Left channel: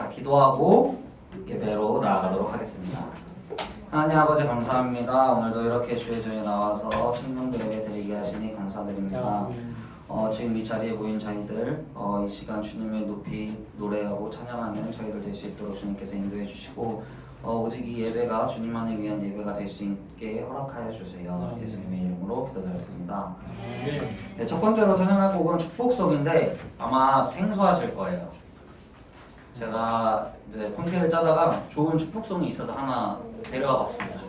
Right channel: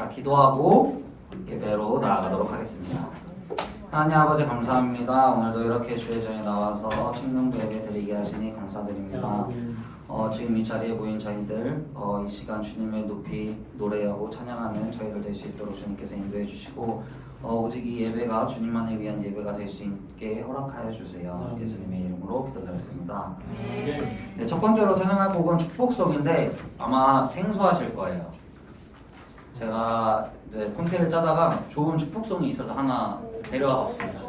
자, 기도하고 예배로 나아가도록 하겠습니다. 하나님 아버지 감사합니다. 오늘도 이렇게 주의 전에 나와서 청년부 예배 드리게 하시니 감사드립니다. 지금 이 자리에 모인 저희들 이 시간 주님을 높이 노래하고 찬양하는 저희들 될 수 있도록 주님께서 인도해 주시고 오직 이 예배가 주님만을 위한 예배가 될 수 있게 허락하여 주세요. 예수님의 이름으로 기도드렸습니다. 네, 첫 번째로 찬양할 곡은 축복송인데 아마 생소하실 거예요. 제가 이제 콘텐츠를 짜다가 좋은 축복송이 있어서 하나 데려와 봤습니다.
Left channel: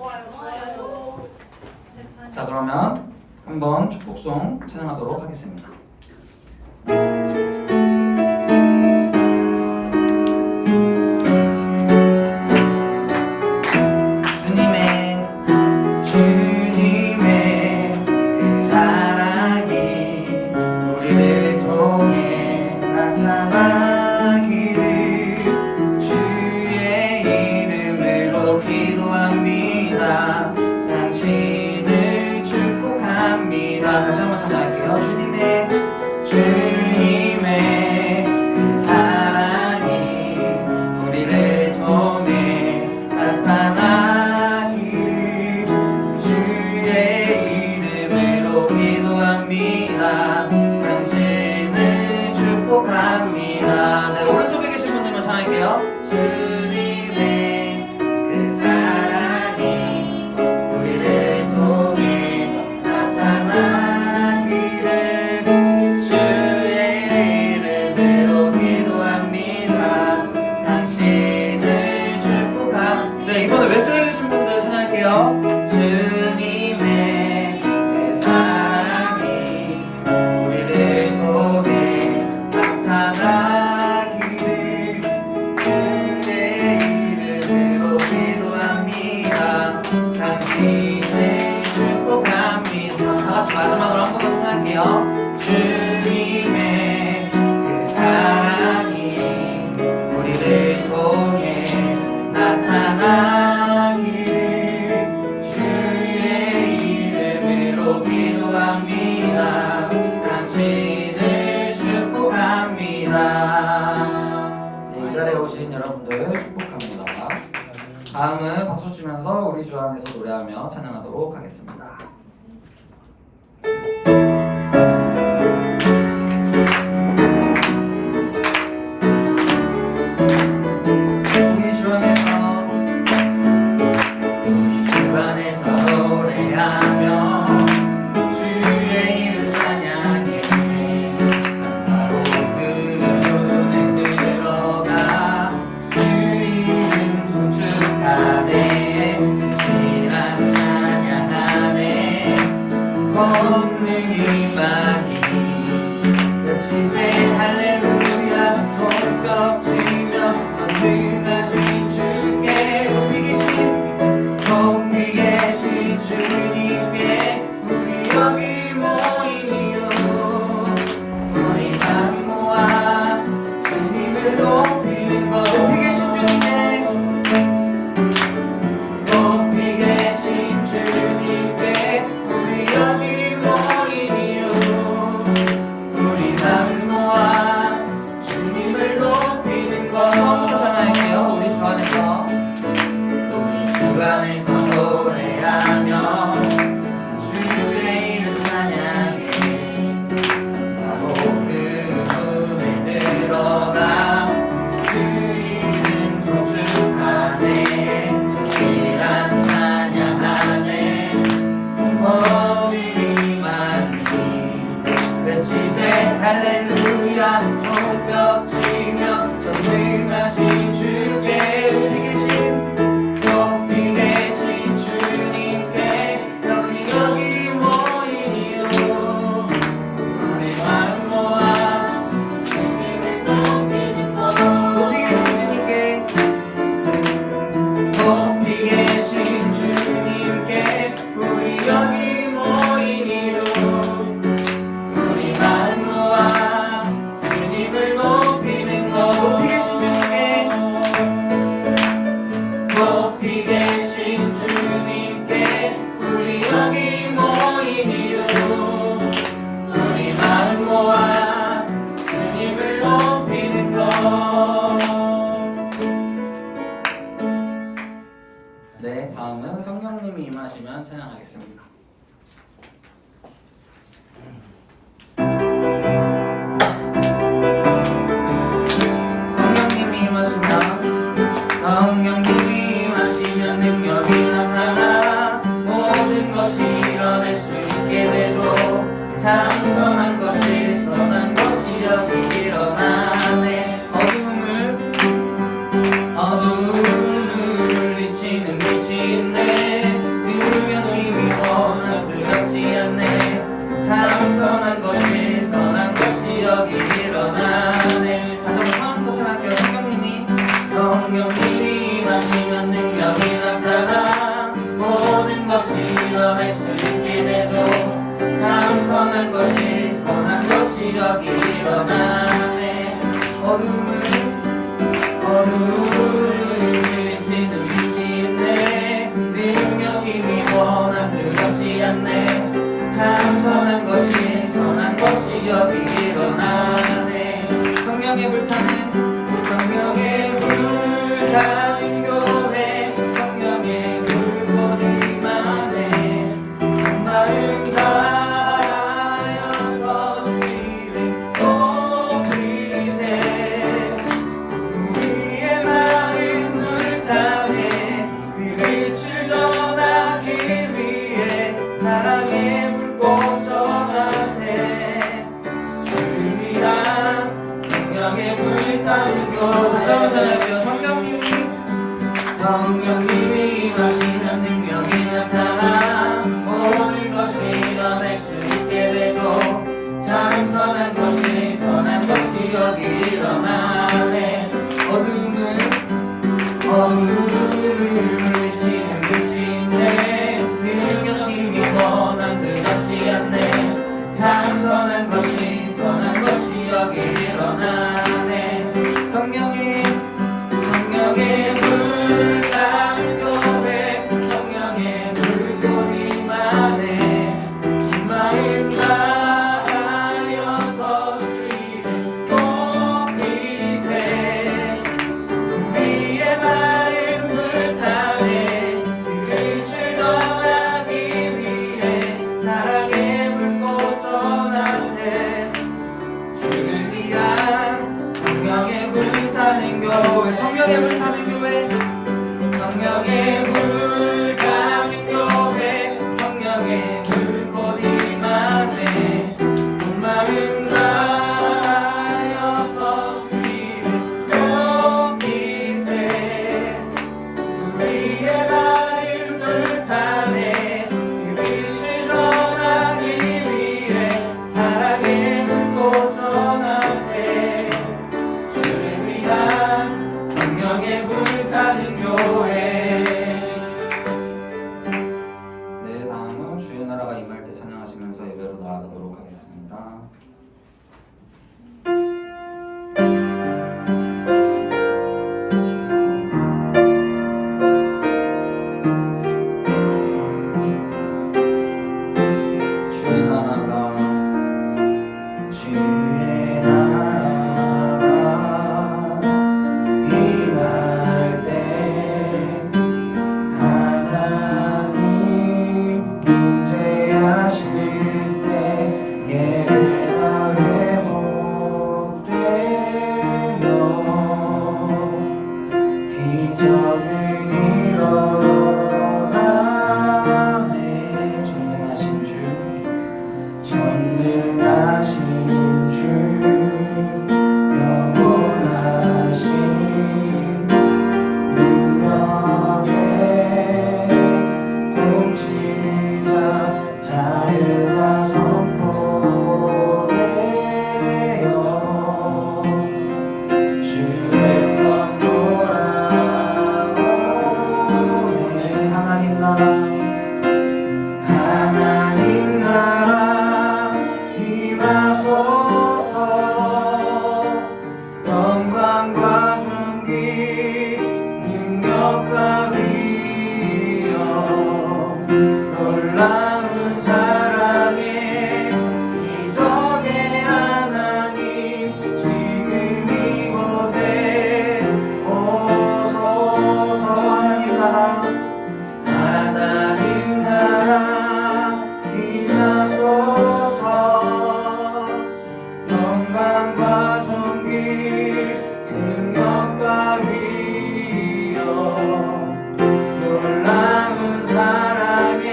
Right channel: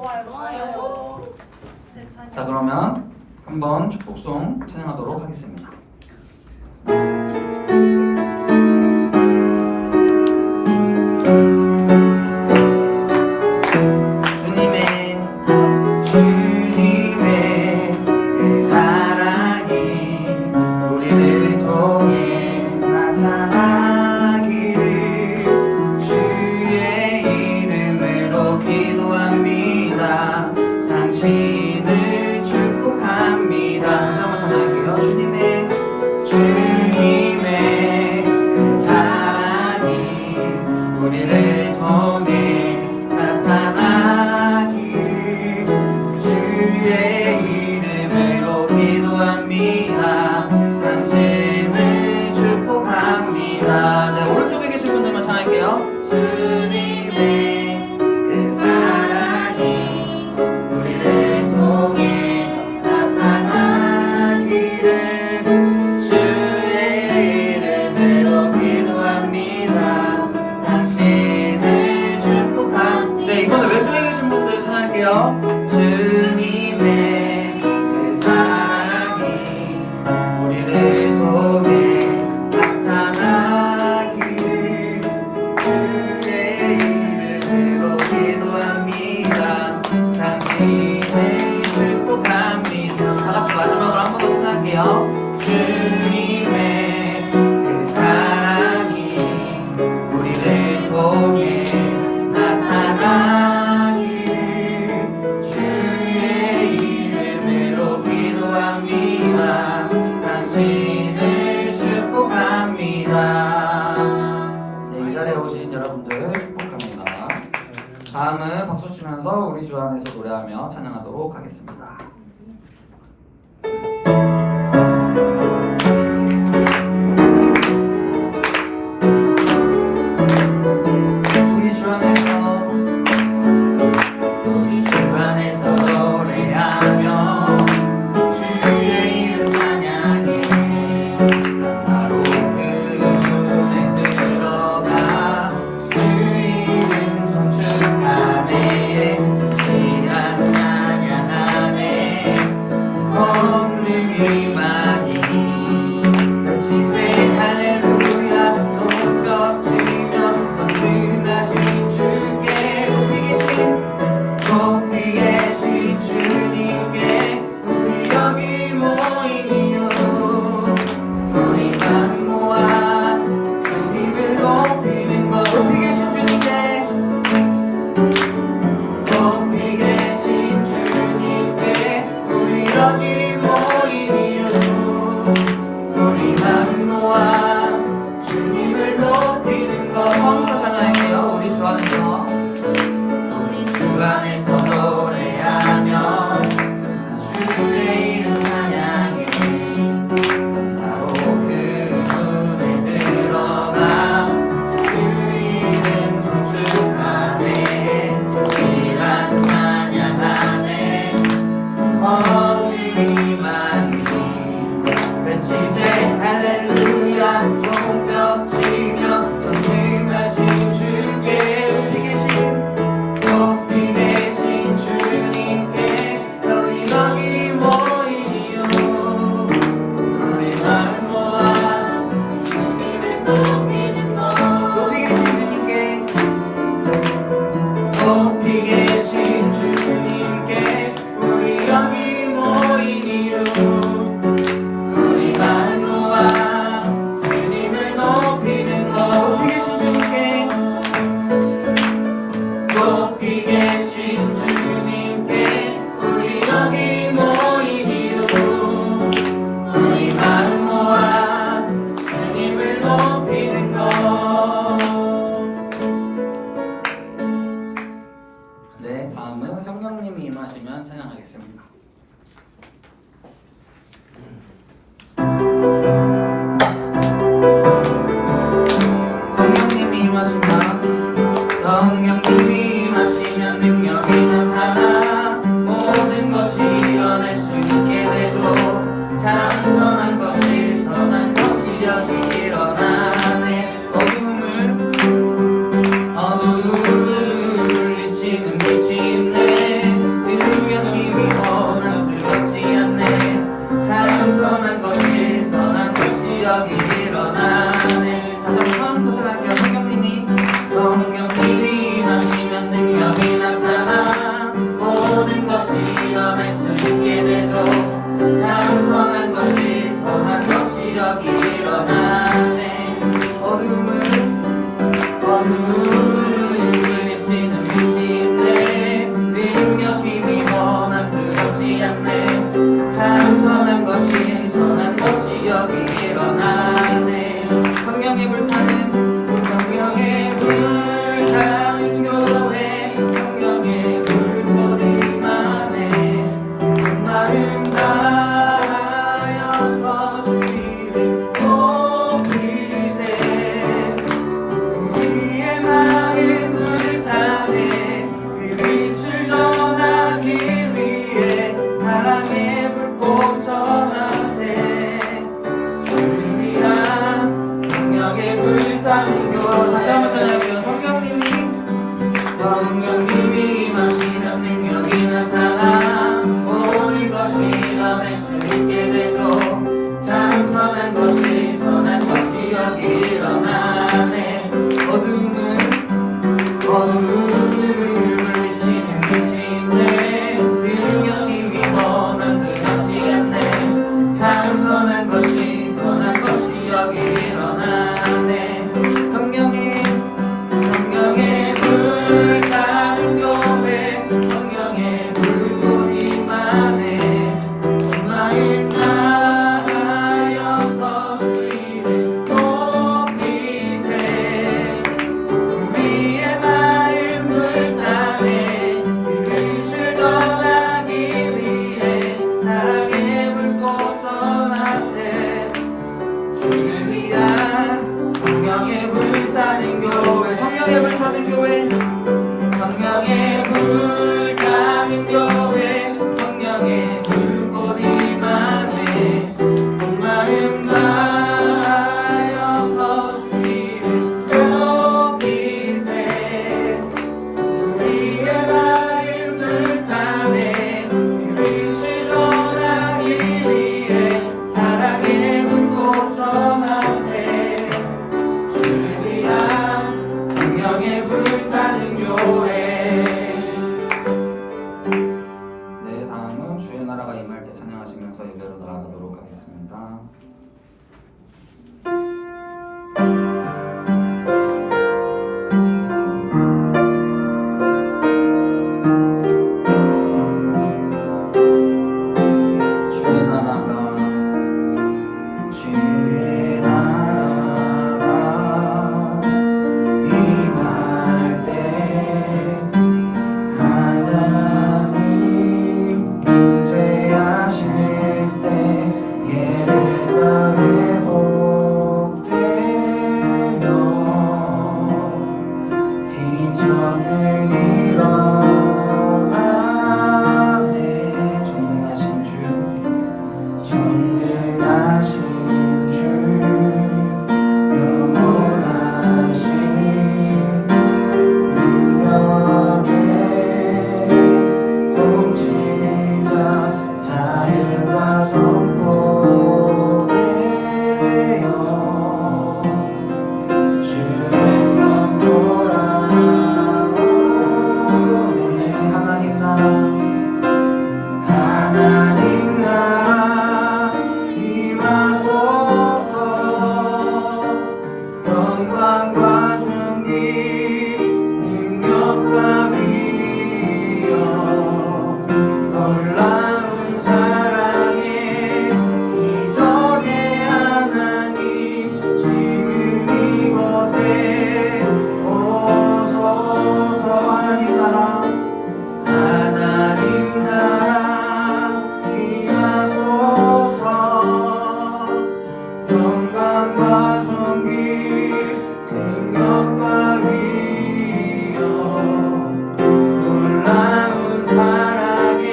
자, 그러면 한번 축복송 찬양하도록 하겠습니다. 주님의 그 사랑이 우리를 통해 나타나기를 주의 이름으로 기도합니다. 당신을 축복합니다. 다시 한번 찬양할게요. 주님의 그 사랑이 우리를 통해 나타나기를 주의 이름으로 기도합니다. 당신을 축복합니다. 네, 오른쪽에 계신 분들만 찬양할게요. 주님의 그 사랑이 우리를 통해 나타나기를 주의 이름으로 기도합니다. 당신을 축복합니다. 네, 이번에 왼쪽에 계신 분들 찬양할게요. 주님의 그 사랑이 우리를 통해 나타나기를 주의 이름으로 기도합니다. 당신을 축복합니다. 다같이 마지막으로 한 번 더 찬양할게요. 주님의 그 사랑이 우리를 통해 나타나기를 주의 이름으로 기도합니다. 당신을 축복합니다. 네, 이 자리에 오신 여러분들 축복합니다. 다음은 박수 치면서 우리 주 안에서 노래하며 찬양하도록 하겠습니다. 우리 주 안에서 노래하며 주의 이름 찬양해 감사로 그 문을 들어가 주 이름 송축하네 진실한 찬양하네 권능이 많이 외치세 할렐루야 손뼉치며 전능하신 주께 높이 계신 주님께 우리 여기 모이니요 우리만 모아 주님을 높이는 것 높이 계신 주님께 우리 여기 모이니요 우리만 모아 주님을 높이는 것 처음부터 전화할게요. 우리 주 안에서 노래하며 주의 이름 찬양해 감사로 그 문에 들어가 주 이름 송축하네 진실한 찬양하네 권능이 많이 외치세 할렐루야 손뼉치며 전능하신 주께 높이 계신 주님께 우리 여기 모이니요 우리만 모아 주님을 높이는 것 높이 계신 주님께 우리 여기 모이니요 우리만 여기 일어나네. 다시 한번 처음부터 시작할게요. 성령님이 마시면 능력이 나타나 모든 것이 일어날 수 있게 되죠. 참 선한 것이 여기 일어나네. 어둠을 물리치는 빛이 있네. 능력 힘이 원함 두렵지 않네. 참 선한 것이 여기 일어나네. 성령의 불타는 교회, 성령의 불꽃 임하네. 마음 다하여서 주의를 높이세. 우리의 마음 불타네. 그 빛을 전하기 위해 사랑의 불꽃 전하세. 주를 위한 성령의 불타는 교회. 다시 한번 전해드릴게요. 성령님이 마시면 능력이 나타나 모든 것이 일어날 수 있게 되죠. 참 선한 것이 여기 일어나네. 어둠을 물리치는 빛이 있네. 능력 힘이 원함 두렵지 않네. 참 선한 것이 여기 일어나네. 성령의 불타는 교회, 성령의 불꽃 임하네. 마음 다하여서 주의를 높이세. 우리의 마음 불타네. 그 빛을 전하기 위해 사랑의 불꽃 전하세. 주를 위한 성령의 불타는 교회, 성령의 불타는 교회, 성령의 불타는 교회, 성령의 불꽃 임하네. 마음 다하여서 주의를 높이세. 우리의 마음 불타네. 그 빛을 전하기 위해 사랑의 불꽃 전하세. 주를 위한 성령의 불타는 교회. 네, 다음은 주의 나라가 임할 때 찬양하시면서 예배로 나아가도록 하겠습니다. 주의 나라가 임할 때 하나님 임재하실 때 예배가 회복되며 기적은 일어나네. 전능하신 주 영원하신 능력의 통치자 자유가 선포되어 주의 선포라오네. 하나님 나라 임하소서. 영광과 존귀 능력과 위엄 놀라운 사랑의 기적의 하나님 지금 이곳에 오소서. 하나님 나라 임하소서. 영광과 존귀 능력과 위엄 놀라운 사랑의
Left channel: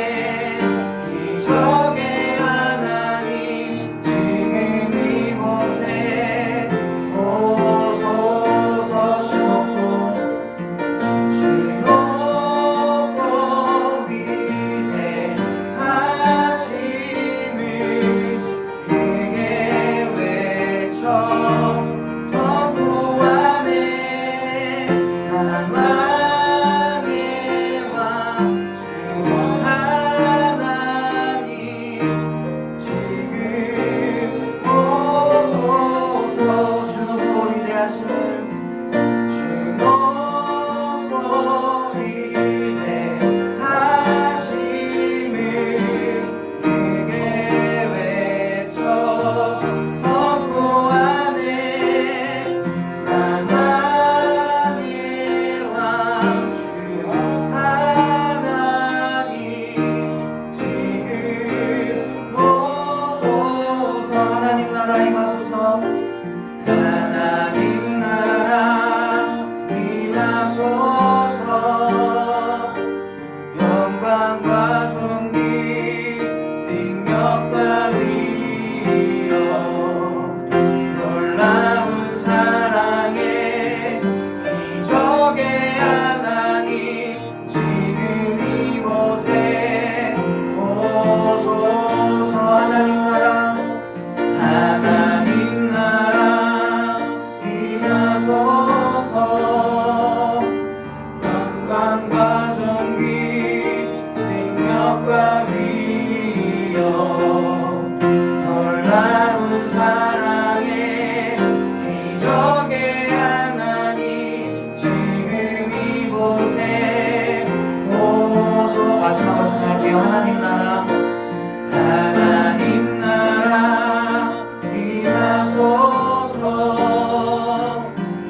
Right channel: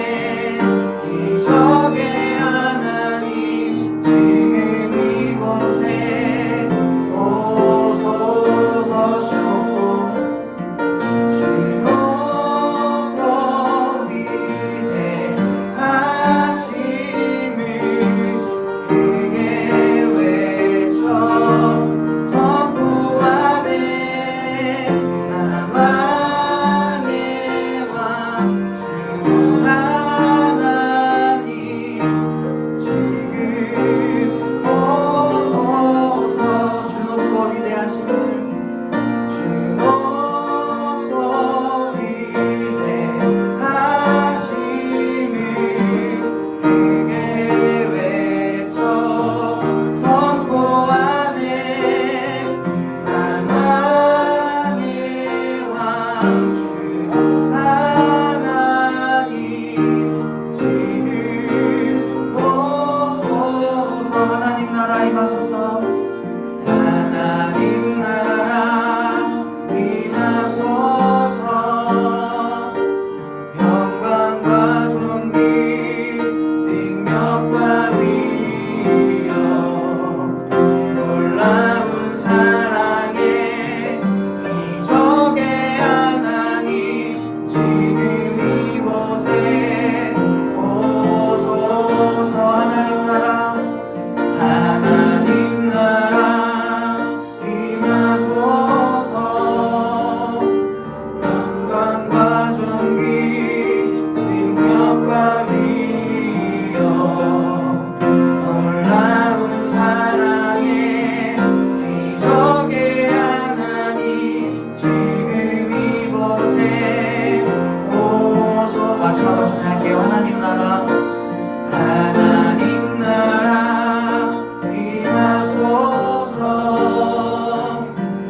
기적의 하나님 지금 이곳에 오소서. 주 높고 위대하심을 크게 외쳐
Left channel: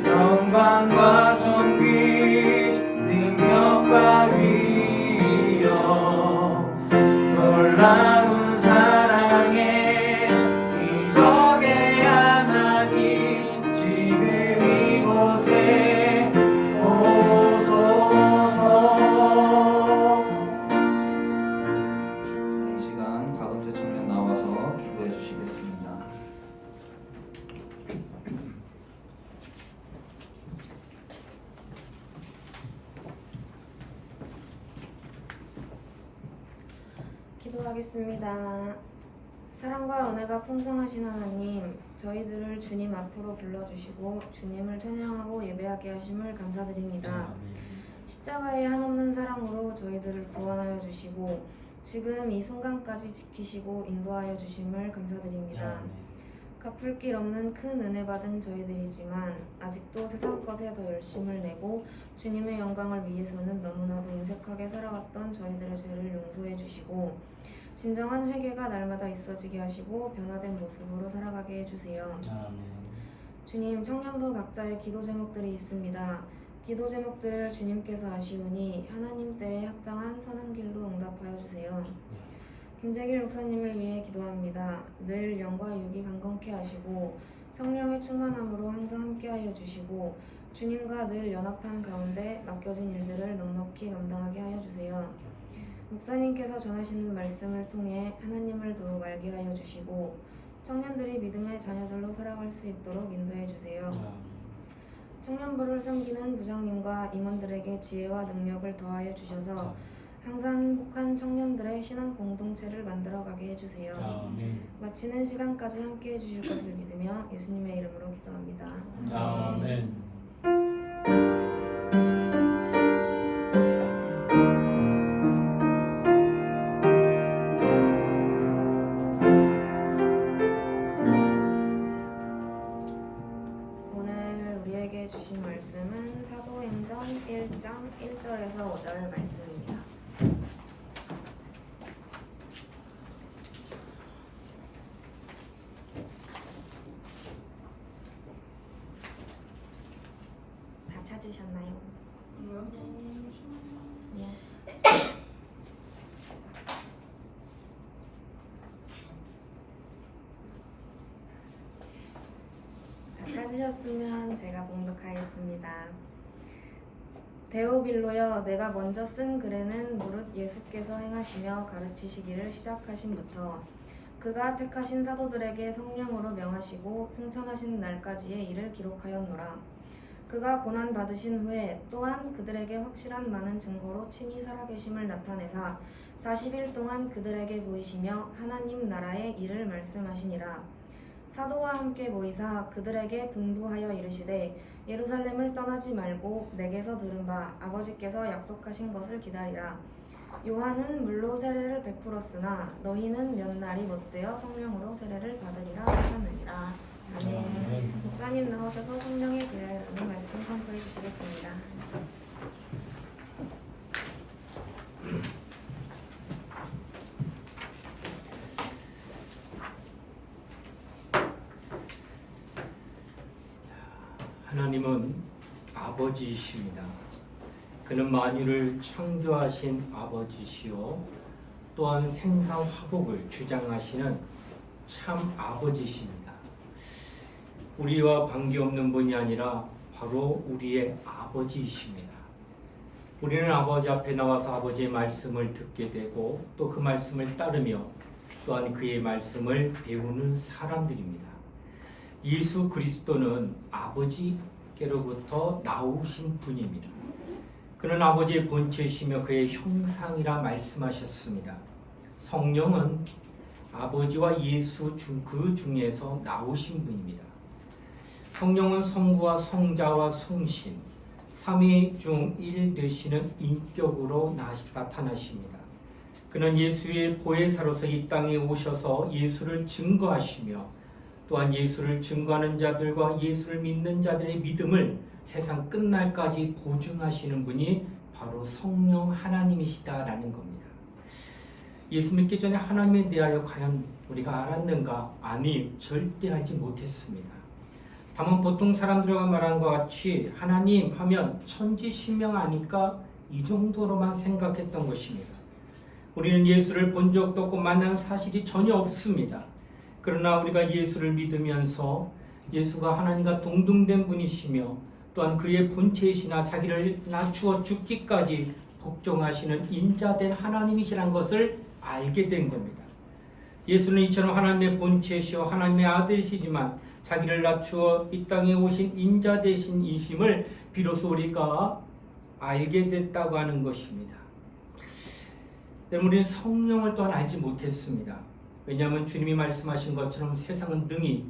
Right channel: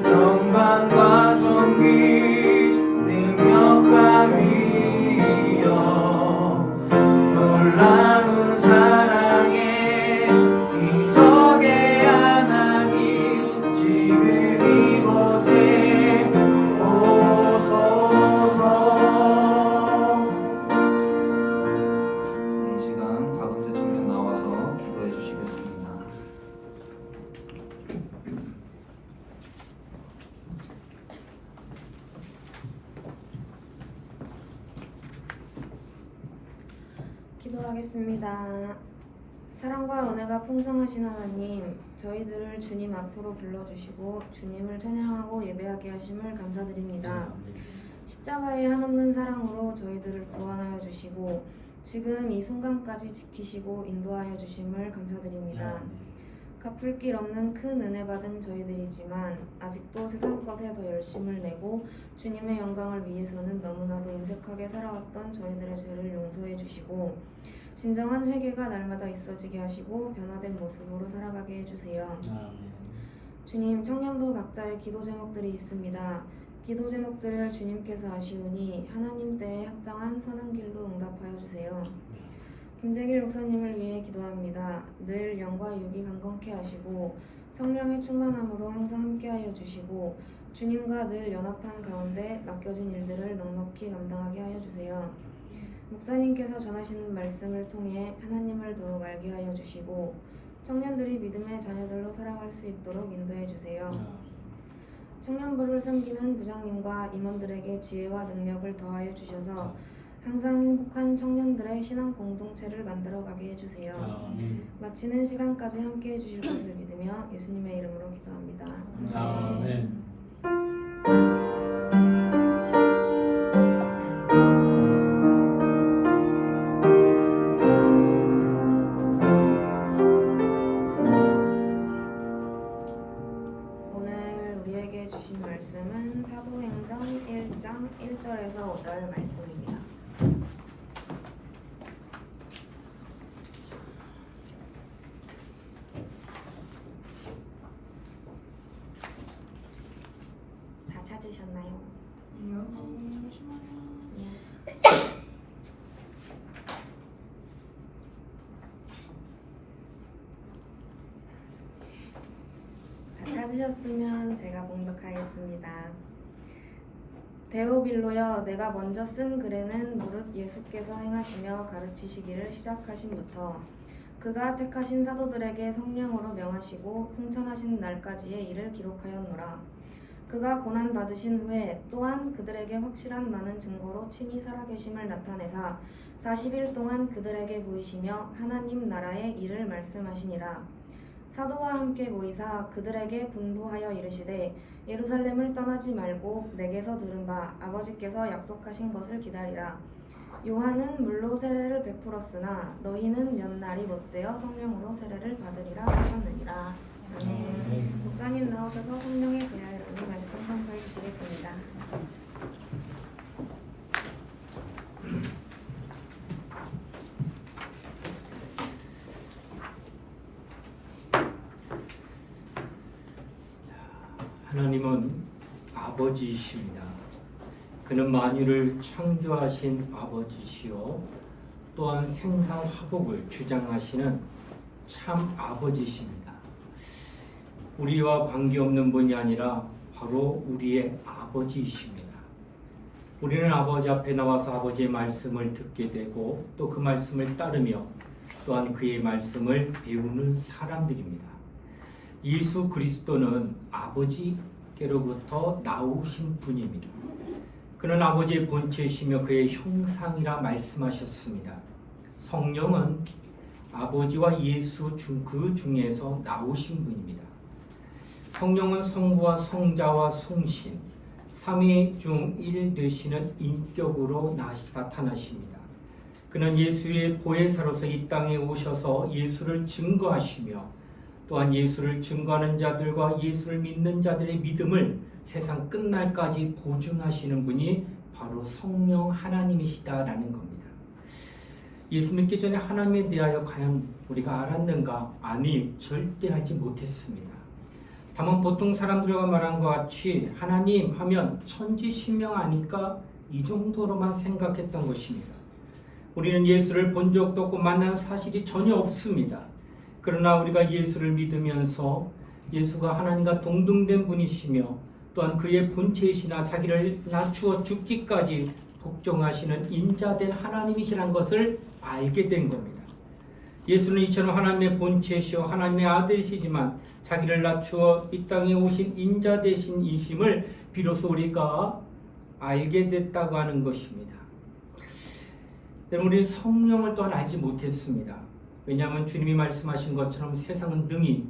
영광과 존귀 능력과 위엄 놀라운 사랑의 기적의 하나님 지금 이곳에 오소서. 이 시간 박은재 청년 나와서 기도해 주시겠습니다. 기도하겠습니다. 사랑과 은혜가 풍성하신 하나님, 저희들을 주님 앞으로 불러주시고 주님을 찬양하고 예배하게 하심을 감사드립니다. 십자가의 한없는 사랑으로 저희들을 구원하여 주시고 지금 이 순간까지 지키시고 인도하여 주심을 감사드립니다. 갚을 길 없는 큰 은혜 받은 저희들이지만 아직도 세상 것에 더 열심을 내고 주님의 영광을 위해서는 너무나도 인색하게 살아왔던 저희들의 죄를 용서해 주시고 진정한 회개가 날마다 있어지게 하시고 변화된 모습으로 살아가게 해주세요. 주님, 청년부 각자의 기도 제목들이 있습니다. 기도 제목들을 주님께서 아시오니 하나님 때에 합당한 선한 길로 응답하여 주세요. 김재길 목사님을 위해 기도합니다. 늘 영과 육이 강건케 하시고 성령의 충만함으로 항상 함께하여 주시고 주님과 늘 연합한 가운데 맡겨진 일들을 넉넉히 감당하게 하여 주세요. 목사님께서 전하시는 말씀을 통해 하나님을 더욱 알게 하여 주시고 청년들이 믿음의 자녀들로 살아갈 수 있도록 인도해 주세요. 청년부를 섬기는 부장님과 임원들에게 지혜와 능력을 더하여 주셔서 항상 행복한 청년들의 신앙 공동체를 만들어가게 해주세요. 마치는 시간까지 함께 해주실 것을 믿으며 예수님의 이름으로 기도합니다. 아멘. 오늘 우리에게 주신 말씀은 사도행전 1장 1절에서 5절 말씀입니다. 다 찾으셨나요? 예. 다 찾으셨으면 제가 봉독하겠습니다. 데오빌로여, 내가 먼저 쓴 글에는 무릇 예수께서 행하시며 가르치시기를 시작하신부터 그가 택하신 사도들에게 성령으로 명하시고 승천하신 날까지의 일을 기록하였노라. 그가 고난 받으신 후에 또한 그들에게 확실한 많은 증거로 친히 살아계심을 나타내사 40일 동안 그들에게 보이시며 하나님 나라의 일을 말씀하시니라. 사도와 함께 모이사 그들에게 분부하여 이르시되 예루살렘을 떠나지 말고 내게서 들은 바 아버지께서 약속하신 것을 기다리라. 요한은 물로 세례를 베풀었으나 너희는 몇 날이 못되어 성령으로 세례를 받으리라 하셨느니라. 아멘. 목사님 나오셔서 성령에 대하여라는 말씀 선포해 주시겠습니다. 하나님은 아버지이십니다. 그는 만유를 창조하신 아버지시요 또한 생사화복을 주장하시는 참 아버지십니다. 우리와 관계없는 분이 아니라 바로 우리의 아버지이십니다. 우리는 아버지 앞에 나와서 아버지의 말씀을 듣게 되고 또 그 말씀을 따르며 또한 그의 말씀을 배우는 사람들입니다. 예수 그리스도는 아버지께로부터 나오신 분입니다. 그는 아버지의 본체이시며 그의 형상이라 말씀하셨습니다. 성령은 아버지와 예수 그 중에서 나오신 분입니다. 성령은 성부와 성자와 성신, 삼위 중 일 되시는 인격으로 나타나십니다. 그는 예수의 보혜사로서 이 땅에 오셔서 예수를 증거하시며 또한 예수를 증거하는 자들과 예수를 믿는 자들의 믿음을 세상 끝날까지 보증하시는 분이 바로 성령 하나님이시다라는 겁니다. 예수 믿기 전에 하나님에 대하여 과연 우리가 알았는가? 아니, 절대 알지 못했습니다. 다만 보통 사람들과 말한 것 같이 하나님 하면 천지신명 아닐까 이 정도로만 생각했던 것입니다. 우리는 예수를 본 적도 없고 만난 사실이 전혀 없습니다. 그러나 우리가 예수를 믿으면서 예수가 하나님과 동등된 분이시며 또한 그의 본체이시나 자기를 낮추어 죽기까지 복종하시는 인자된 하나님이시라는 것을 알게 된 겁니다. 예수는 이처럼 하나님의 본체시오 하나님의 아들이시지만 자기를 낮추어 이 땅에 오신 인자 되신 이심을 비로소 우리가 알게 됐다고 하는 것입니다. 우리는 성령을 또한 알지 못했습니다. 왜냐하면 주님이 말씀하신 것처럼 세상은 능히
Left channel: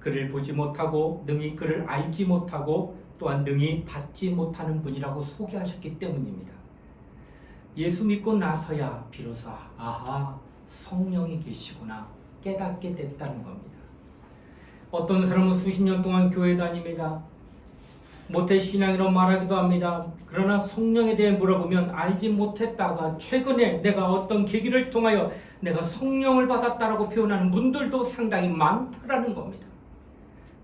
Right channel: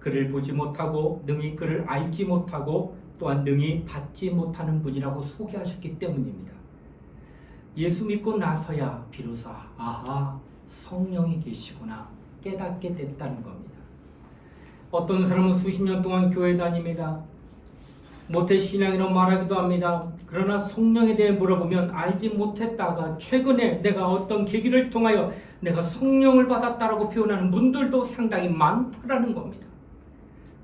그를 보지 못하고 능히 그를 알지 못하고 또한 능히 받지 못하는 분이라고 소개하셨기 때문입니다. 예수 믿고 나서야 비로소 아하 성령이 계시구나 깨닫게 됐다는 겁니다. 어떤 사람은 수십 년 동안 교회 다닙니다. 모태신앙이라고 말하기도 합니다. 그러나 성령에 대해 물어보면 알지 못했다가 최근에 내가 어떤 계기를 통하여 내가 성령을 받았다라고 표현하는 분들도 상당히 많다라는 겁니다.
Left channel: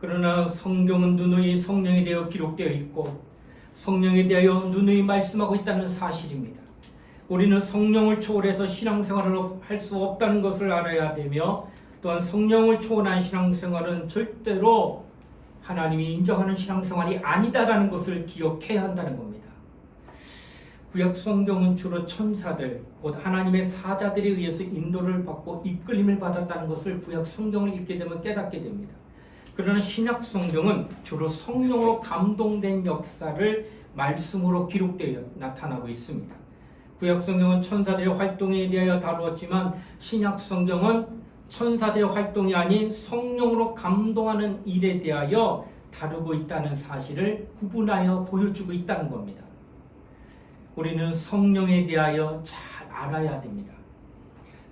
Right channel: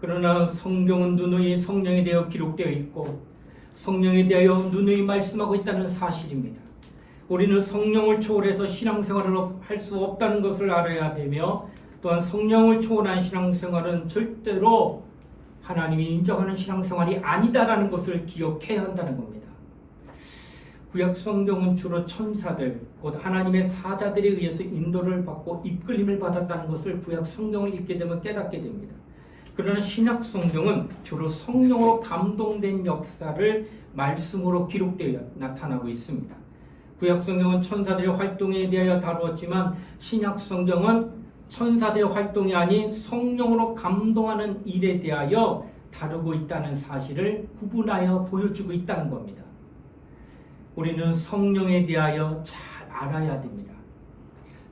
그러나 성경은 누누이 성령에 대하여 기록되어 있고 성령에 대하여 누누이 말씀하고 있다는 사실입니다. 우리는 성령을 초월해서 신앙생활을 할 수 없다는 것을 알아야 되며 또한 성령을 초월한 신앙생활은 절대로 하나님이 인정하는 신앙생활이 아니다라는 것을 기억해야 한다는 겁니다. 구약 성경은 주로 천사들, 곧 하나님의 사자들에 의해서 인도를 받고 이끌림을 받았다는 것을 구약 성경을 읽게 되면 깨닫게 됩니다. 그러나 신약 성경은 주로 성령으로 감동된 역사를 말씀으로 기록되어 나타나고 있습니다. 구약 성경은 천사들의 활동에 대하여 다루었지만 신약 성경은 천사들의 활동이 아닌 성령으로 감동하는 일에 대하여 다루고 있다는 사실을 구분하여 보여주고 있다는 겁니다. 우리는 성령에 대하여 잘 알아야 됩니다.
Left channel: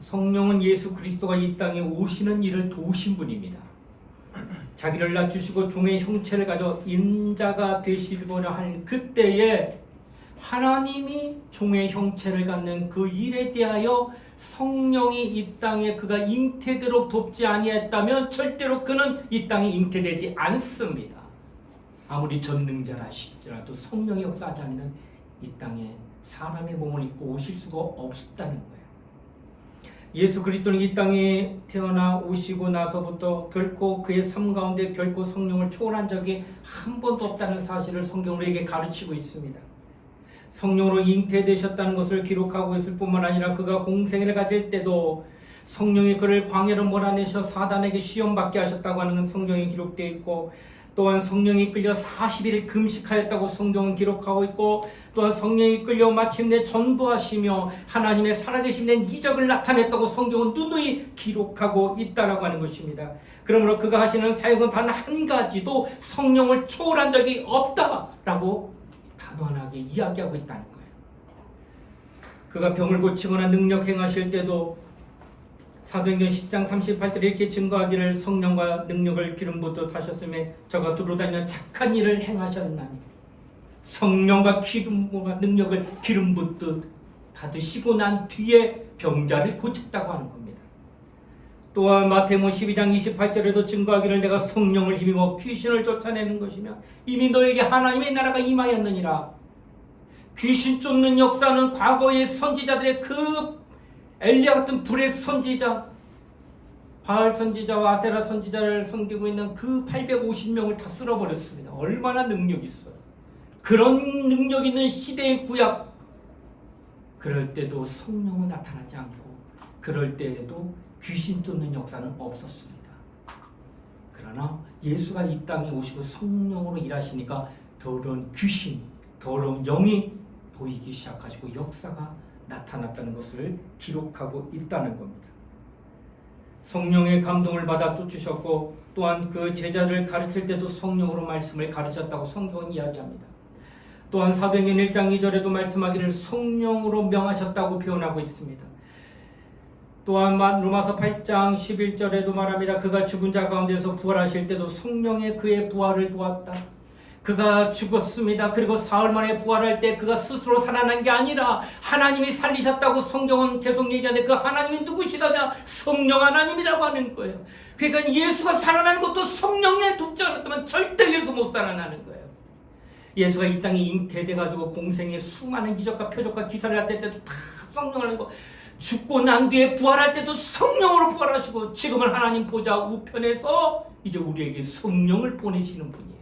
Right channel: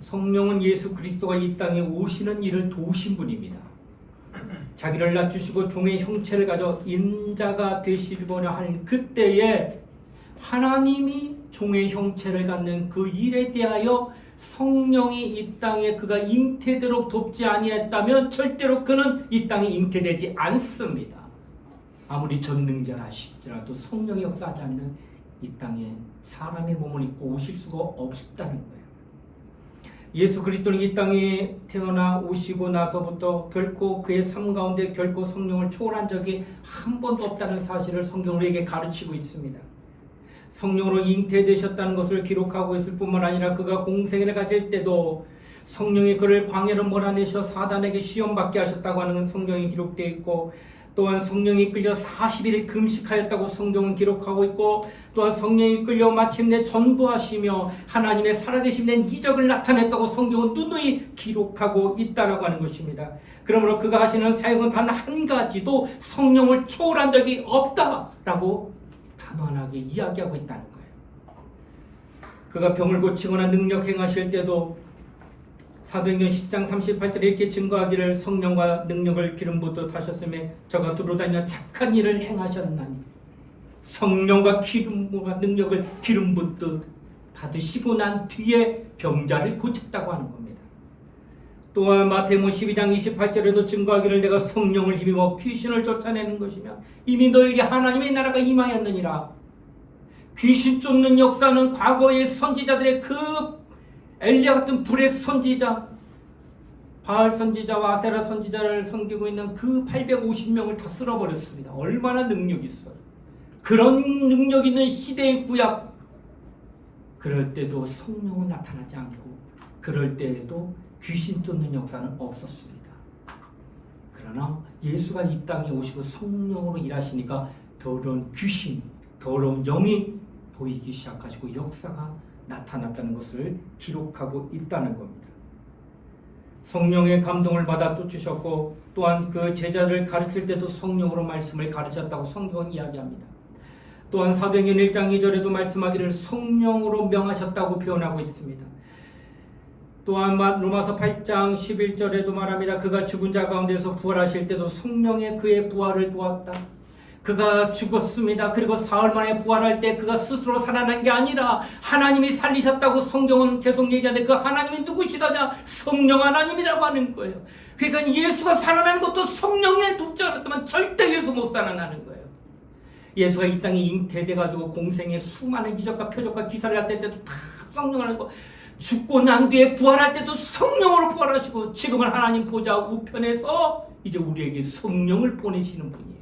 성령은 예수 그리스도가 이 땅에 오시는 일을 도우신 분입니다. 자기를 낮추시고 종의 형체를 가져 인자가 되시려고 하는 그때에 하나님이 종의 형체를 갖는 그 일에 대하여 성령이 이 땅에 그가 잉태되도록 돕지 아니했다면 절대로 그는 이 땅에 잉태되지 않습니다. 아무리 전능자라 하시더라도 성령이 역사하지 않으면 이 땅에 사람의 몸을 입고 오실 수가 없다는 거예요. 예수 그리스도는 이 땅에 태어나 오시고 나서부터 결코 그의 삶 가운데 결코 성령을 초월한 적이 한 번도 없다는 사실을 성경은 우리에게 가르치고 있습니다. 성령으로 잉태되셨다는 것을 기록하고 있을 뿐만 아니라 그가 공생애를 가질 때도 성령이 그를 광야로 몰아내셔 사단에게 시험받게 하셨다고 하는 성경이 기록되어 있고 또한 성령이 끌려 40일 금식하였다고 성경은 기록하고 있고 또한 성령이 끌려 마침내 전도하시며 하나님의 살아계신 된 이적을 나타냈다고 성경은 누누이 기록하고 있다라고 하는 것입니다. 그러므로 그가 하시는 사역은 단 한 가지도 성령을 초월한 적이 없다라고 단언하게 이야기하고 있다는 거예요. 그가 병을 고치거나 능력 행하실 때도 사도행전 10장 38절에 이렇게 증거하기를 성령과 능력을 기름 붓듯 하셨으며 저가 두루다니며 착한 일을 행하셨나니 성령과 기름과 능력을 기름 붓듯 받으시고 난 뒤에 병자를 고쳤다고 하는 겁니다. 또한 마태복음 12장 28절에도 증거하기를 내가 성령을 힘입어 귀신을 쫓아내는 것이며 이미 너에게 하나님의 나라가 임하였느니라. 귀신 쫓는 역사는 과거의 선지자들의 그 엘리야 같은 불의 선지자, 바알 선지자와 아세라 선지자를 섬기고 있는 그 850명을 다 쓸어버렸습니다. 얼마나 능력이 있어요. 그런 능력 있는 시대의 구약, 그럴 때도 성령은 나타나지 않고 그럴 때에도 귀신 쫓는 역사는 없었습니다. 그러나 예수가 이 땅에 오시고 성령으로 일하시니까 더러운 귀신, 더러운 영이 보이기 시작하시고 역사가 나타났다는 것을 기록하고 있다는 겁니다. 성령의 감동을 받아 쫓으셨고 또한 그 제자를 가르칠 때도 성령으로 말씀을 가르쳤다고 성경은 이야기합니다. 또한 사도행전 1장 2절에도 말씀하기를 성령으로 명하셨다고 표현하고 있습니다. 또한 로마서 8장 11절에도 말합니다. 그가 죽은 자 가운데서 부활하실 때도 성령의 그의 부활을 도왔다. 그가 죽었습니다. 그리고 사흘 만에 부활할 때 그가 스스로 살아난 게 아니라 하나님이 살리셨다고 성경은 계속 얘기하는데 그 하나님이 누구시더냐? 성령 하나님이라고 하는 거예요. 그러니까 예수가 살아나는 것도 성령에 돕잖아요. 잘못하면 절대 예수 못 살아나는 거예요. 예수가 이 땅에 잉태돼가지고 공생의 수많은 기적과 표적과 기사를 할 때도 다 성령을 하고, 죽고 난 뒤에 부활할 때도 성령으로 부활하시고, 지금은 하나님 보좌 우편에서 이제 우리에게 성령을 보내시는 분이에요.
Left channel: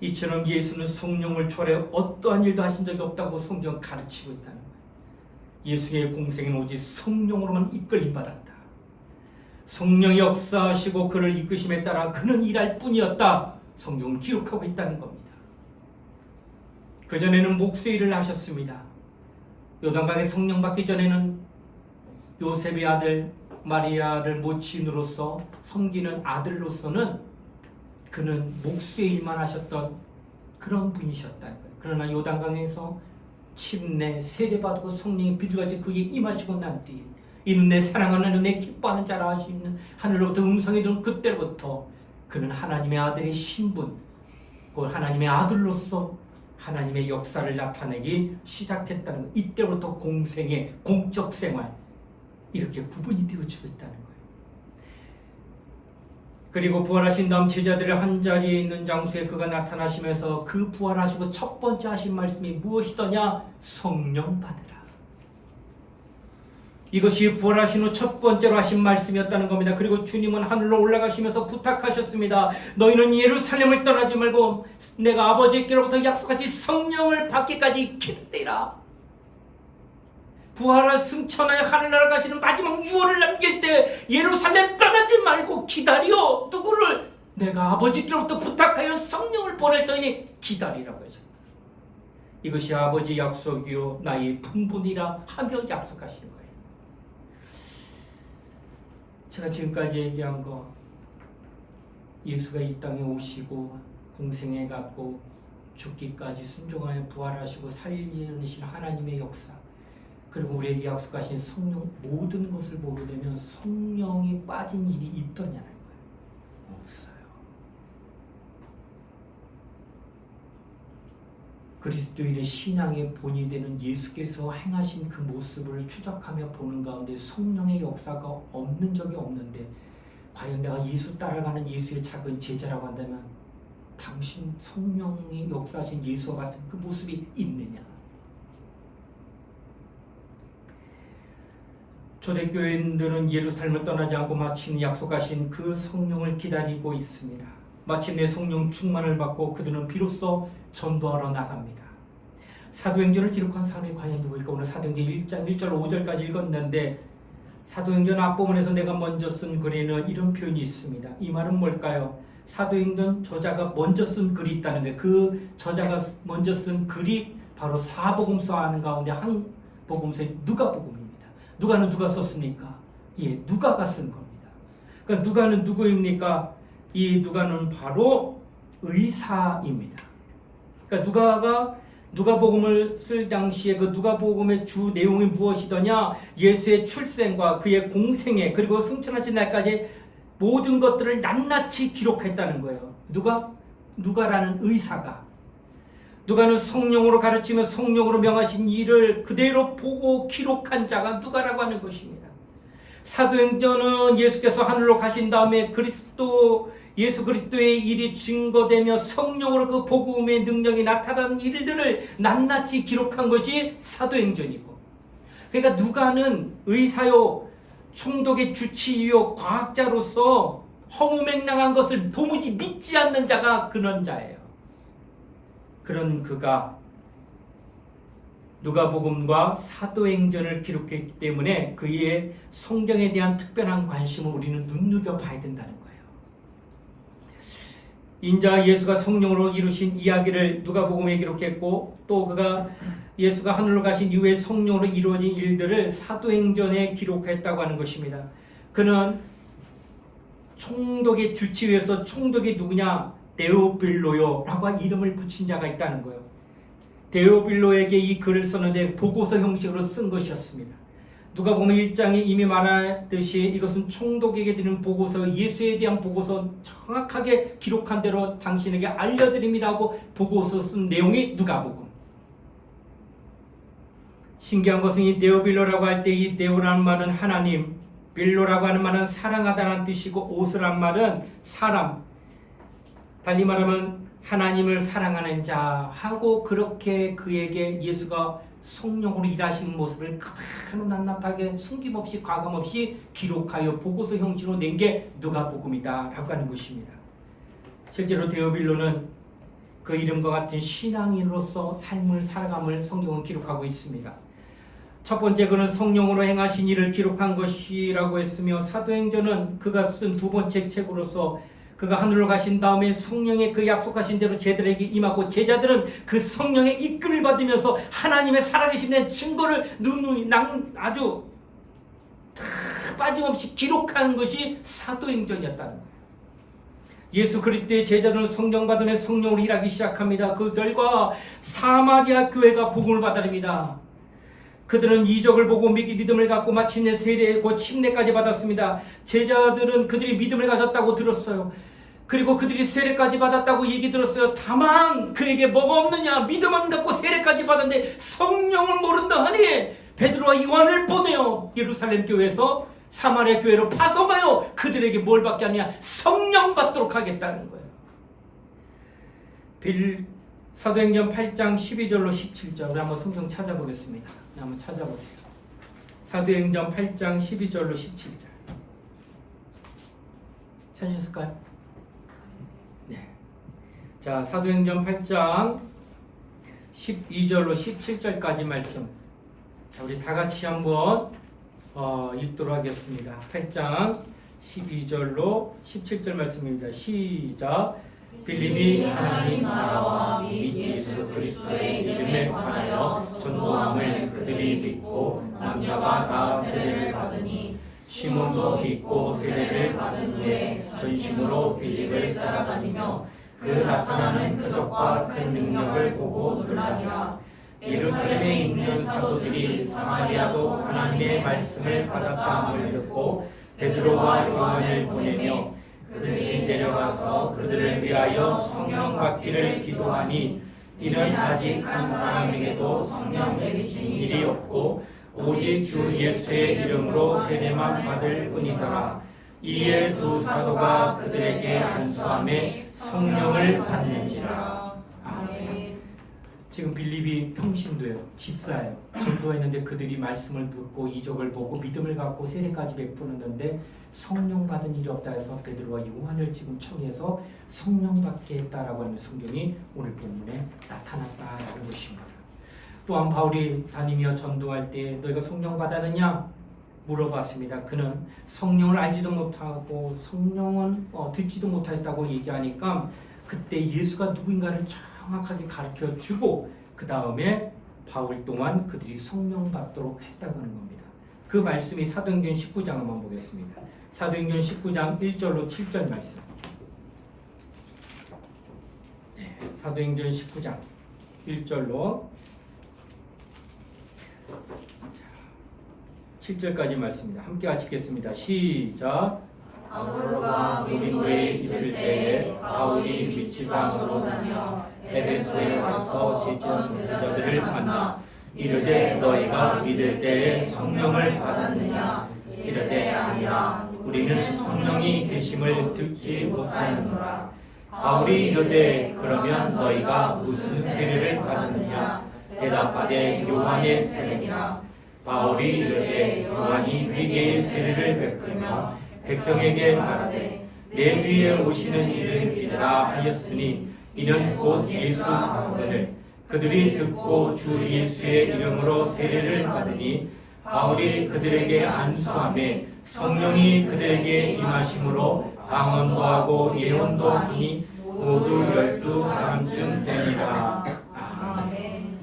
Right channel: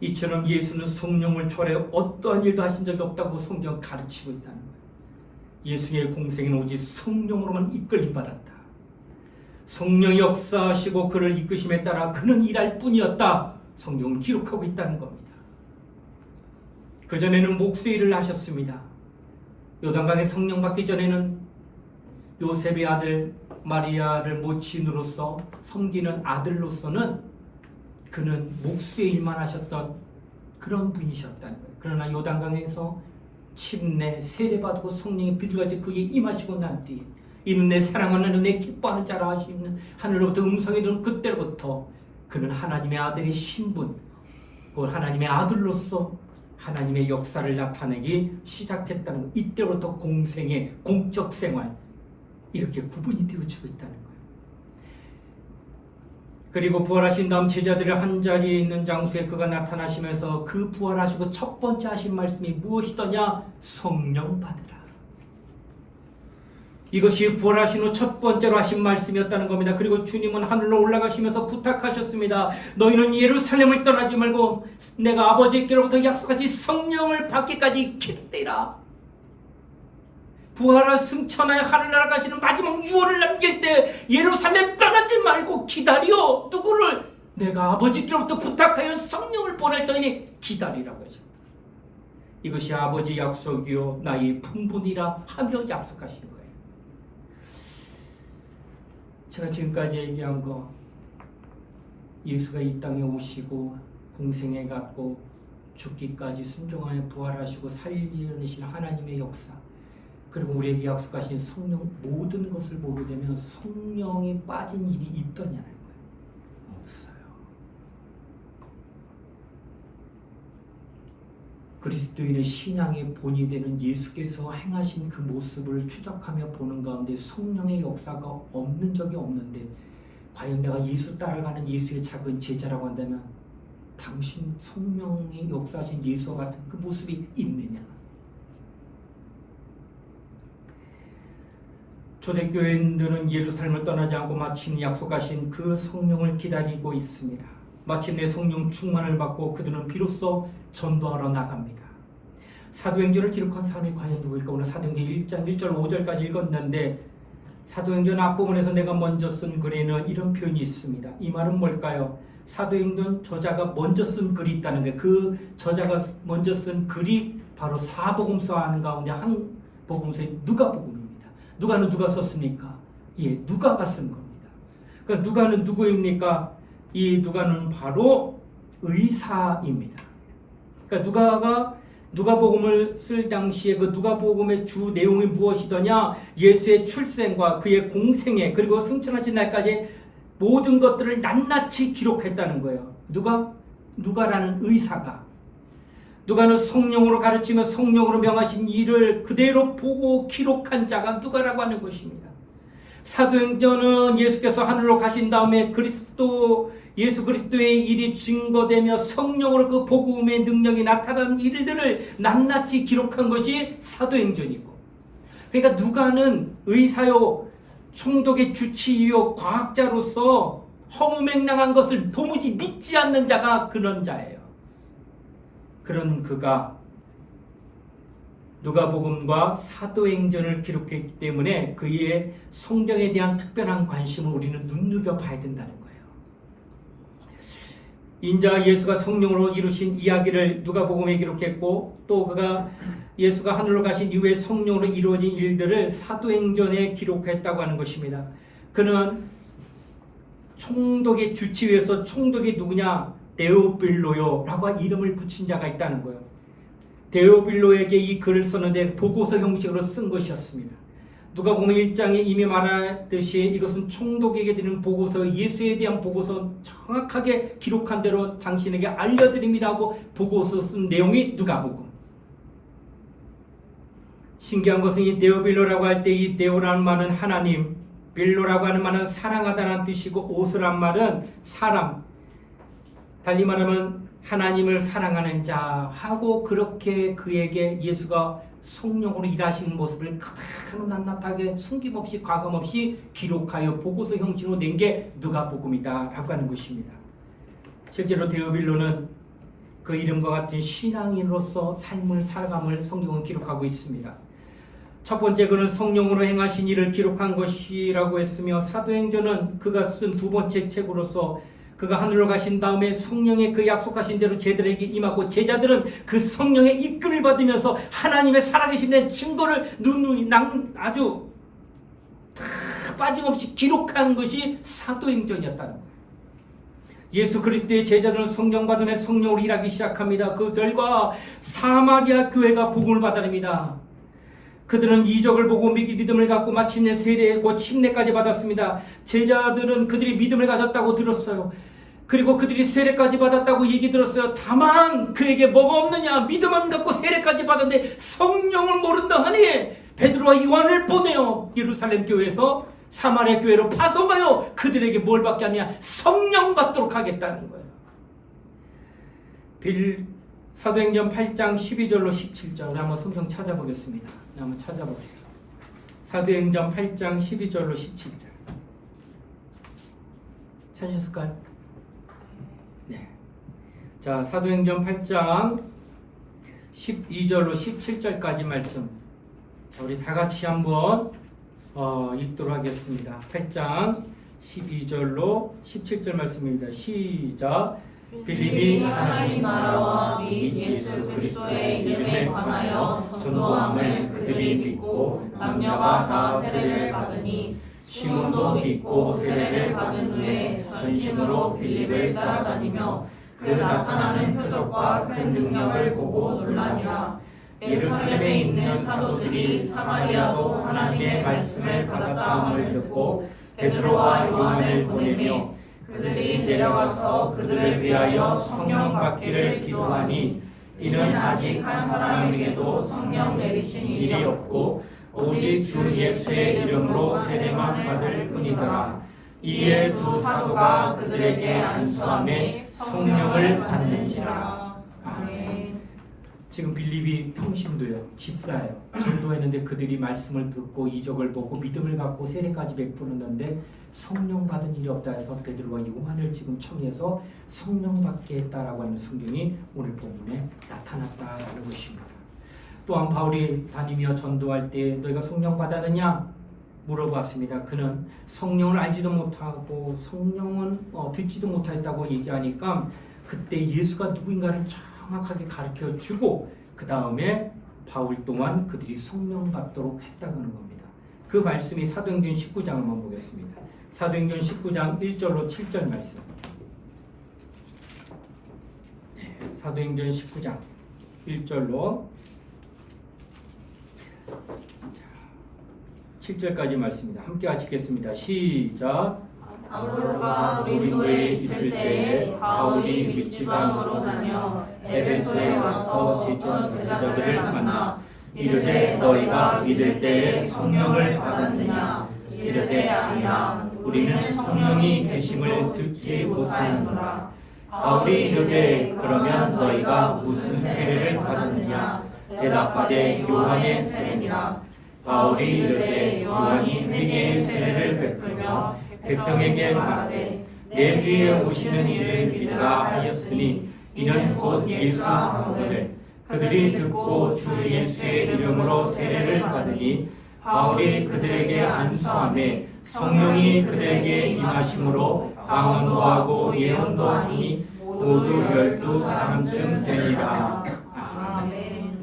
이처럼 예수는 성령을 초월해 어떠한 일도 하신 적이 없다고 성경은 가르치고 있다는 거예요. 예수의 공생에는 오직 성령으로만 이끌림 받았다. 성령이 역사하시고 그를 이끄심에 따라 그는 일할 뿐이었다. 성경은 기록하고 있다는 겁니다. 그전에는 목수의 일을 하셨습니다. 요단강에 성령 받기 전에는 요셉의 아들 마리아를 모친으로서 섬기는 아들로서는 그는 목수의 일만 하셨던 그런 분이셨다는 거예요. 그러나 요단강에서 침례 세례받고 성령의 비둘같이 그에게 임하시고 난 뒤에 이는 내 사랑하는 내 기뻐하는 자라 하시는 하늘로부터 음성이 들은 그때로부터 그는 하나님의 아들의 신분, 그 하나님의 아들로서 하나님의 역사를 나타내기 시작했다는 것. 이때부터 공생의 공적 생활 이렇게 구분이 되어지고 있다는 거예요. 그리고 부활하신 다음 제자들의 한자리에 있는 장소에 그가 나타나시면서 그 부활하시고 첫 번째 하신 말씀이 무엇이더냐? 성령 받으라. 이것이 부활하신 후 첫 번째로 하신 말씀이었다는 겁니다. 그리고 주님은 하늘로 올라가시면서 부탁하셨습니다. 너희는 예루살렘을 떠나지 말고 내가 아버지께로부터 약속하신 성령을 받기까지 기다리라. 부활을 승천하여 하늘나라 가시는 마지막 유언을 남길 때 예루살렘 떠나지 말고 기다려. 누구를? 내가 아버지께로부터 부탁하여 성령을 보낼 터이니 기다리라고 하셨다. 이것이 아버지 약속이요 나의 분분이라 하며 약속하시는 거예요. 제가 지금까지 얘기한 거, 예수가 이 땅에 오시고 공생에 갔고 죽기까지 순종하여 부활하시고 살리신 하나님의 역사, 그리고 우리에게 약속하신 성령, 모든 것을 보게 되면 성령이 빠진 일이 있더냐는 거예요. 없어요. 그리스도인의 신앙의 본이 되는 예수께서 행하신 그 모습을 추적하며 보는 가운데 성령의 역사가 없는 적이 없는데, 과연 내가 예수 따라가는 예수의 작은 제자라고 한다면 당신 성령이 역사하신 예수와 같은 그 모습이 있느냐? 초대교인들은 예루살렘을 떠나지 않고 마침 약속하신 그 성령을 기다리고 있습니다. 마침내 성령 충만을 받고 그들은 비로소 전도하러 나갑니다. 사도행전을 기록한 사람이 과연 누구일까? 오늘 사도행전 1장 1절 5절까지 읽었는데, 사도행전 앞부분에서 내가 먼저 쓴 글에는 이런 표현이 있습니다. 이 말은 뭘까요? 사도행전 저자가 먼저 쓴 글이 있다는 거예요. 그 저자가 먼저 쓴 글이 바로 사복음서 하는 가운데 한 복음서의 누가복음입니다. 누가는 누가 썼습니까? 예, 누가가 쓴 겁니다. 그러니까 누가는 누구입니까? 이 누가는 바로 의사입니다. 그러니까 누가복음을 쓸 당시에 그 누가복음의 주 내용이 무엇이더냐? 예수의 출생과 그의 공생애 그리고 승천하신 날까지 모든 것들을 낱낱이 기록했다는 거예요. 누가라는 의사가. 누가는 성령으로 가르치며 성령으로 명하신 일을 그대로 보고 기록한 자가 누가라고 하는 것입니다. 사도행전은 예수께서 하늘로 가신 다음에 예수 그리스도의 일이 증거되며 성령으로 그 복음의 능력이 나타난 일들을 낱낱이 기록한 것이 사도행전이고, 그러니까 누가는 의사요 총독의 주치의요 과학자로서 허무맹랑한 것을 도무지 믿지 않는 자가 그런 자예요. 그런 그가 누가복음과 사도행전을 기록했기 때문에 그의 성경에 대한 특별한 관심을 우리는 눈여겨봐야 된다는 거예요. 인자 예수가 성령으로 이루신 이야기를 누가복음에 기록했고, 또 그가 예수가 하늘로 가신 이후에 성령으로 이루어진 일들을 사도행전에 기록했다고 하는 것입니다. 그는 총독의 주치의에서 총독이 누구냐? 데오빌로요라고 이름을 붙인 자가 있다는 거예요. 데오빌로에게 이 글을 썼는데 보고서 형식으로 쓴 것이었습니다. 누가복음 1장에 이미 말하듯이 이것은 총독에게 드리는 보고서, 예수에 대한 보고서 정확하게 기록한 대로 당신에게 알려드립니다 하고 보고서 쓴 내용이 누가복음. 신기한 것은 이 데오빌로라고 할 때 이 데오라는 말은 하나님, 빌로라고 하는 말은 사랑하다는 뜻이고 오스란 말은 사람, 달리 말하면 하나님을 사랑하는 자 하고 그렇게 그에게 예수가 성령으로 일하시는 모습을 그대로 낱낱하게 숨김없이 과감없이 기록하여 보고서 형식으로 낸 게 누가복음이다 라고 하는 것입니다. 실제로 데오빌로는 그 이름과 같은 신앙인으로서 삶을 살아감을 성경은 기록하고 있습니다. 첫 번째 그는 성령으로 행하신 일을 기록한 것이라고 했으며 사도행전은 그가 쓴 두 번째 책으로서 그가 하늘로 가신 다음에 성령의 그 약속하신 대로 제자들에게 임하고 제자들은 그 성령의 이끌을 받으면서 하나님의 살아계신 증거를 아주 빠짐없이 기록하는 것이 사도행전이었다는 거예요. 예수 그리스도의 제자들은 성령 받으며 성령으로 일하기 시작합니다. 그 결과 사마리아 교회가 복음을 받아들입니다. 그들은 이적을 보고 믿음을 갖고 마침내 세례고 침례까지 받았습니다. 제자들은 그들이 믿음을 가졌다고 들었어요. 그리고 그들이 세례까지 받았다고 얘기 들었어요. 다만 그에게 뭐가 없느냐? 믿음만 갖고 세례까지 받았는데 성령을 모른다 하니 베드로와 요한을 보내요. 예루살렘 교회에서 사마리아 교회로 파송하여 그들에게 뭘 받게 하느냐? 성령 받도록 하겠다는 거예요. 사도행전 8장 12절로 17절 우리 한번 성경 찾아보겠습니다. 한번 찾아보세요. 사도행전 8장 12절로 17절 찾으셨을까요? 네. 자, 사도행전 8장 12절로 17절까지 말씀. 자, 우리 다 같이 한번 읽도록 하겠습니다. 8장 12절로 17절 말씀입니다. 시작. 빌립이 하나님 나라와 및 예수 그리스도의 이름에 관하여 전도함을 그들이 믿고 남녀가 다 세례를 받으니 시몬도 믿고 세례를 받은 후에 전심으로 빌립을 따라다니며 그 나타나는 표적과 큰 능력을 보고 놀라니라. 예루살렘에 있는 사도들이 사마리아도 하나님의 말씀을 받았다함을 듣고 베드로와 요한을 보내며 그들이 내려가서 그들을 위하여 성령 받기를 기도하니 이는 아직 한 사람에게도 성령 내리신 일이 없고 오직 주 예수의 이름으로 세례만 받을 뿐이더라. 이에 두 사도가 그들에게 안수함에 성령을 받는지라. 아멘. 지금 빌립이 평신도예요. 집사예요. 전도했는데 그들이 말씀을 듣고 이적을 보고 믿음을 갖고 세례까지 베푸는데 성령 받은 일이 없다 해서 베드로와 요한을 지금 청해서 성령 받게 했다라고 하는 성경이 오늘 본문에 나타났다는 것입니다. 또한 바울이 다니며 전도할 때 너희가 성령 받았느냐 물어봤습니다. 그는 성령을 알지도 못하고 성령은 듣지도 못했다고 얘기하니까 그때 예수가 누구인가를 정확하게 가르쳐주고 그 다음에 바울 동안 그들이 성령 받도록 했다는 겁니다. 그 말씀이 사도행전 19장 한번 보겠습니다. 사도행전 19장 1절로 7절 말씀. 사도행전 19장 1절로 7절까지 말씀입니다. 함께 같이 읽겠습니다. 시작. 바울과 고린도에 있을 때에 바울이 미치방으로 다녀 에베소에 와서 제자들을 만나 이르되 너희가 믿을 때에 성령을 받았느냐 이르되 아니라 우리는 성령이 계심을 듣지 못하는구나. 바울이 이르되 그러면 너희가 무슨 세례를 받았느냐 대답하되 요한의 세례니라. 바울이 이르되 요한이 회개의 세례를 베풀며 백성에게 말하되 내 뒤에 오시는 이를 믿으라 하였으니 이는 곧 예수 하거늘. 그들이 듣고 주 예수의 이름으로 세례를 받으니 바울이 그들에게 안수하매 성령이 그들에게 임하심으로 방언도 하고 예언도 하니 모두 12사람쯤 되니라. 아멘.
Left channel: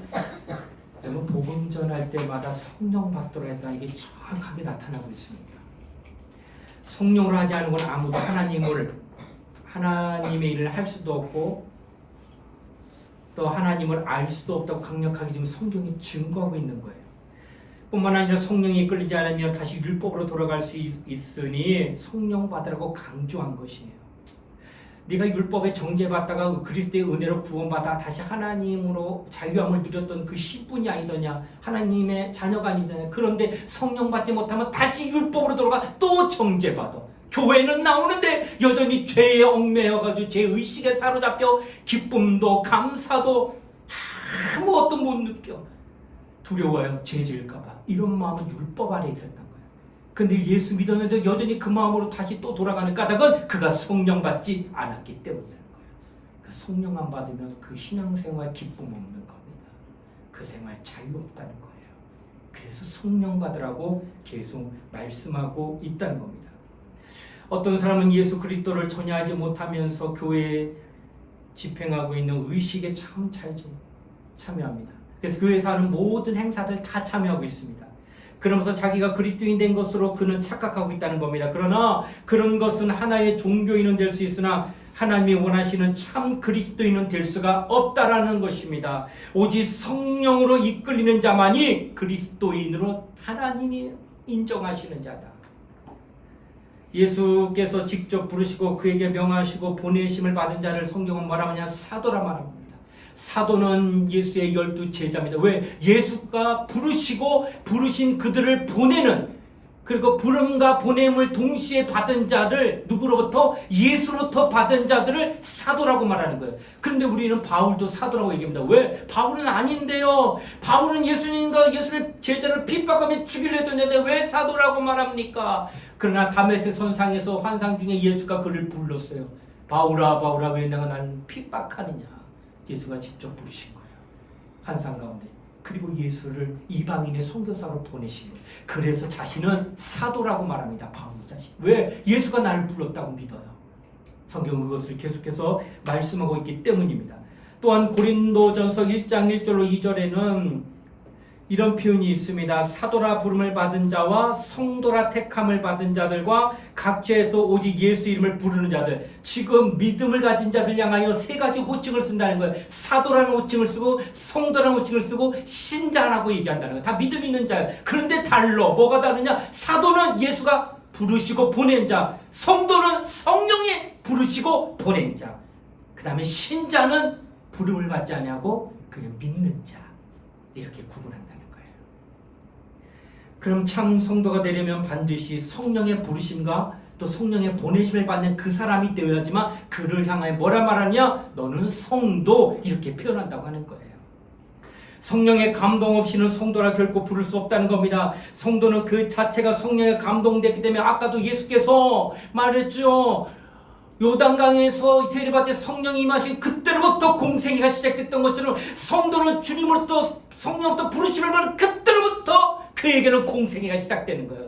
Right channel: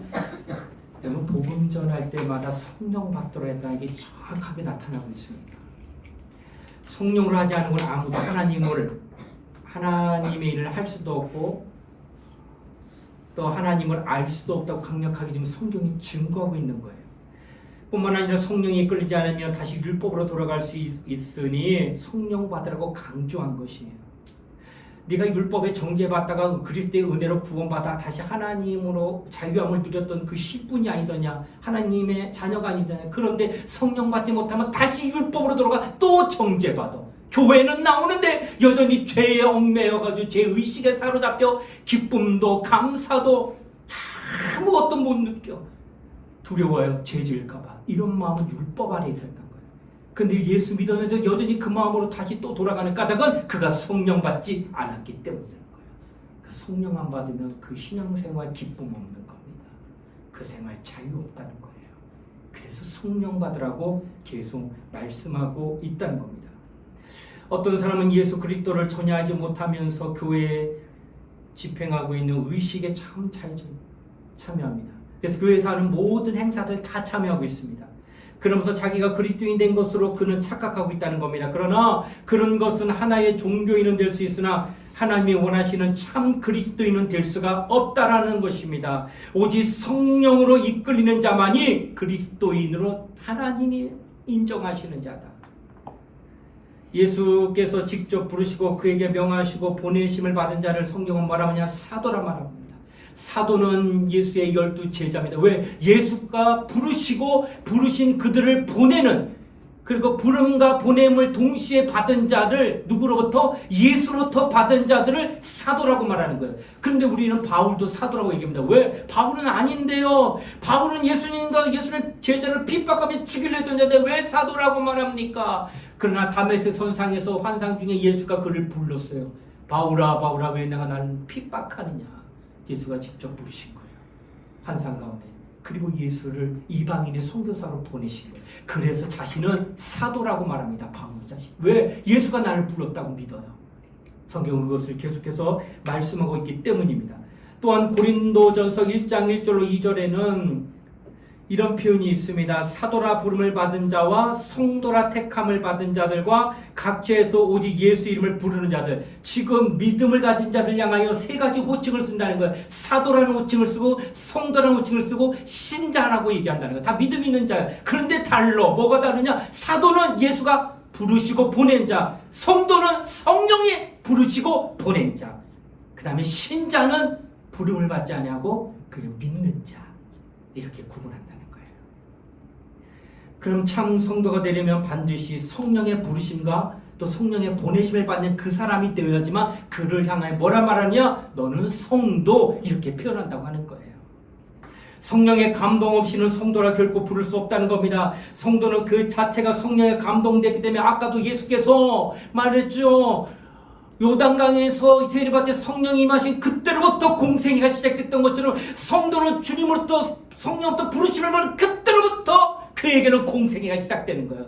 여러분 복음 전할 때마다 성령 받도록 했다는 게 정확하게 나타나고 있습니다. 성령을 하지 않은 건 아무도 하나님의 일을 할 수도 없고 또 하나님을 알 수도 없다고 강력하게 지금 성경이 증거하고 있는 거예요. 뿐만 아니라 성령이 이끌리지 않으면 다시 율법으로 돌아갈 수 있으니 성령 받으라고 강조한 것이에요. 네가 율법에 정죄받다가 그리스도의 은혜로 구원받아 다시 하나님으로 자유함을 누렸던 그 씨분이 아니더냐, 하나님의 자녀가 아니더냐. 그런데 성령 받지 못하면 다시 율법으로 돌아가 또 정죄받아. 교회는 나오는데 여전히 죄에 얽매여가지고 죄의식에 사로잡혀 기쁨도 감사도 아무것도 못 느껴. 두려워요. 죄 지을까봐. 이런 마음은 율법 아래 있었던 거예요. 근데 예수 믿었는데 여전히 그 마음으로 다시 또 돌아가는 까닭은 그가 성령 받지 않았기 때문이라는 거예요. 그 성령 안 받으면 그 신앙생활 기쁨 없는 겁니다. 그 생활 자유 없다는 거예요. 그래서 성령 받으라고 계속 말씀하고 있다는 겁니다. 어떤 사람은 예수 그리스도를 전혀 알지 못하면서 교회에 집행하고 있는 의식에 참 잘 참여합니다. 그래서 교회에서 하는 모든 행사들 다 참여하고 있습니다. 그러면서 자기가 그리스도인 된 것으로 그는 착각하고 있다는 겁니다. 그러나 그런 것은 하나의 종교인은 될 수 있으나 하나님이 원하시는 참 그리스도인은 될 수가 없다라는 것입니다. 오직 성령으로 이끌리는 자만이 그리스도인으로 하나님이 인정하시는 자다. 예수께서 직접 부르시고 그에게 명하시고 보내심을 받은 자를 성경은 뭐라 하냐? 사도라 말합니다. 사도는 예수의 12 제자입니다. 왜? 예수가 부르시고 부르신 그들을 보내는, 그리고 부름과 보냄을 동시에 받은 자를 누구로부터? 예수로부터 받은 자들을 사도라고 말하는 거예요. 그런데 우리는 바울도 사도라고 얘기합니다. 왜? 바울은 아닌데요. 바울은 예수님과 예수의 제자를 핍박하며 죽이려 했던 자인데 왜 사도라고 말합니까? 그러나 다메섹 선상에서 환상 중에 예수가 그를 불렀어요. 바울아 바울아 왜 내가 나를 핍박하느냐. 예수가 직접 부르신 거예요. 환상 가운데. 그리고 예수를 이방인의 선교사로 보내신 거예요. 그래서 자신은 사도라고 말합니다. 바울 자신. 왜? 예수가 나를 불렀다고 믿어요. 성경은 그것을 계속해서 말씀하고 있기 때문입니다. 또한 고린도전서 1장 1절로 2절에는 이런 표현이 있습니다. 사도라 부름을 받은 자와 성도라 택함을 받은 자들과 각 죄에서 오직 예수 이름을 부르는 자들. 지금 믿음을 가진 자들 향하여 세 가지 호칭을 쓴다는 거예요. 사도라는 호칭을 쓰고 성도라는 호칭을 쓰고 신자라고 얘기한다는 거예요. 다 믿음 있는 자예요. 그런데 달러. 뭐가 다르냐? 사도는 예수가 부르시고 보낸 자, 성도는 성령이 부르시고 보낸 자, 그 다음에 신자는 부름을 받지 아니하고 그냥 믿는 자. 이렇게 구분한다는 거예요. 그럼 참 성도가 되려면 반드시 성령의 부르심과 또 성령의 보내심을 받는 그 사람이 되어야지만 그를 향하여 뭐라 말하냐? 너는 성도, 이렇게 표현한다고 하는 거예요. 성령의 감동 없이는 성도라 결코 부를 수 없다는 겁니다. 성도는 그 자체가 성령의 감동됐기 때문에 아까도 예수께서 말했죠. 요단강에서 세례받을 때 성령이 임하신 그때로부터 공생애가 시작됐던 것처럼 성도는 주님으로부터 성령부터 부르심을 받은 그때로부터 그에게는 공생애가 시작되는 거예요.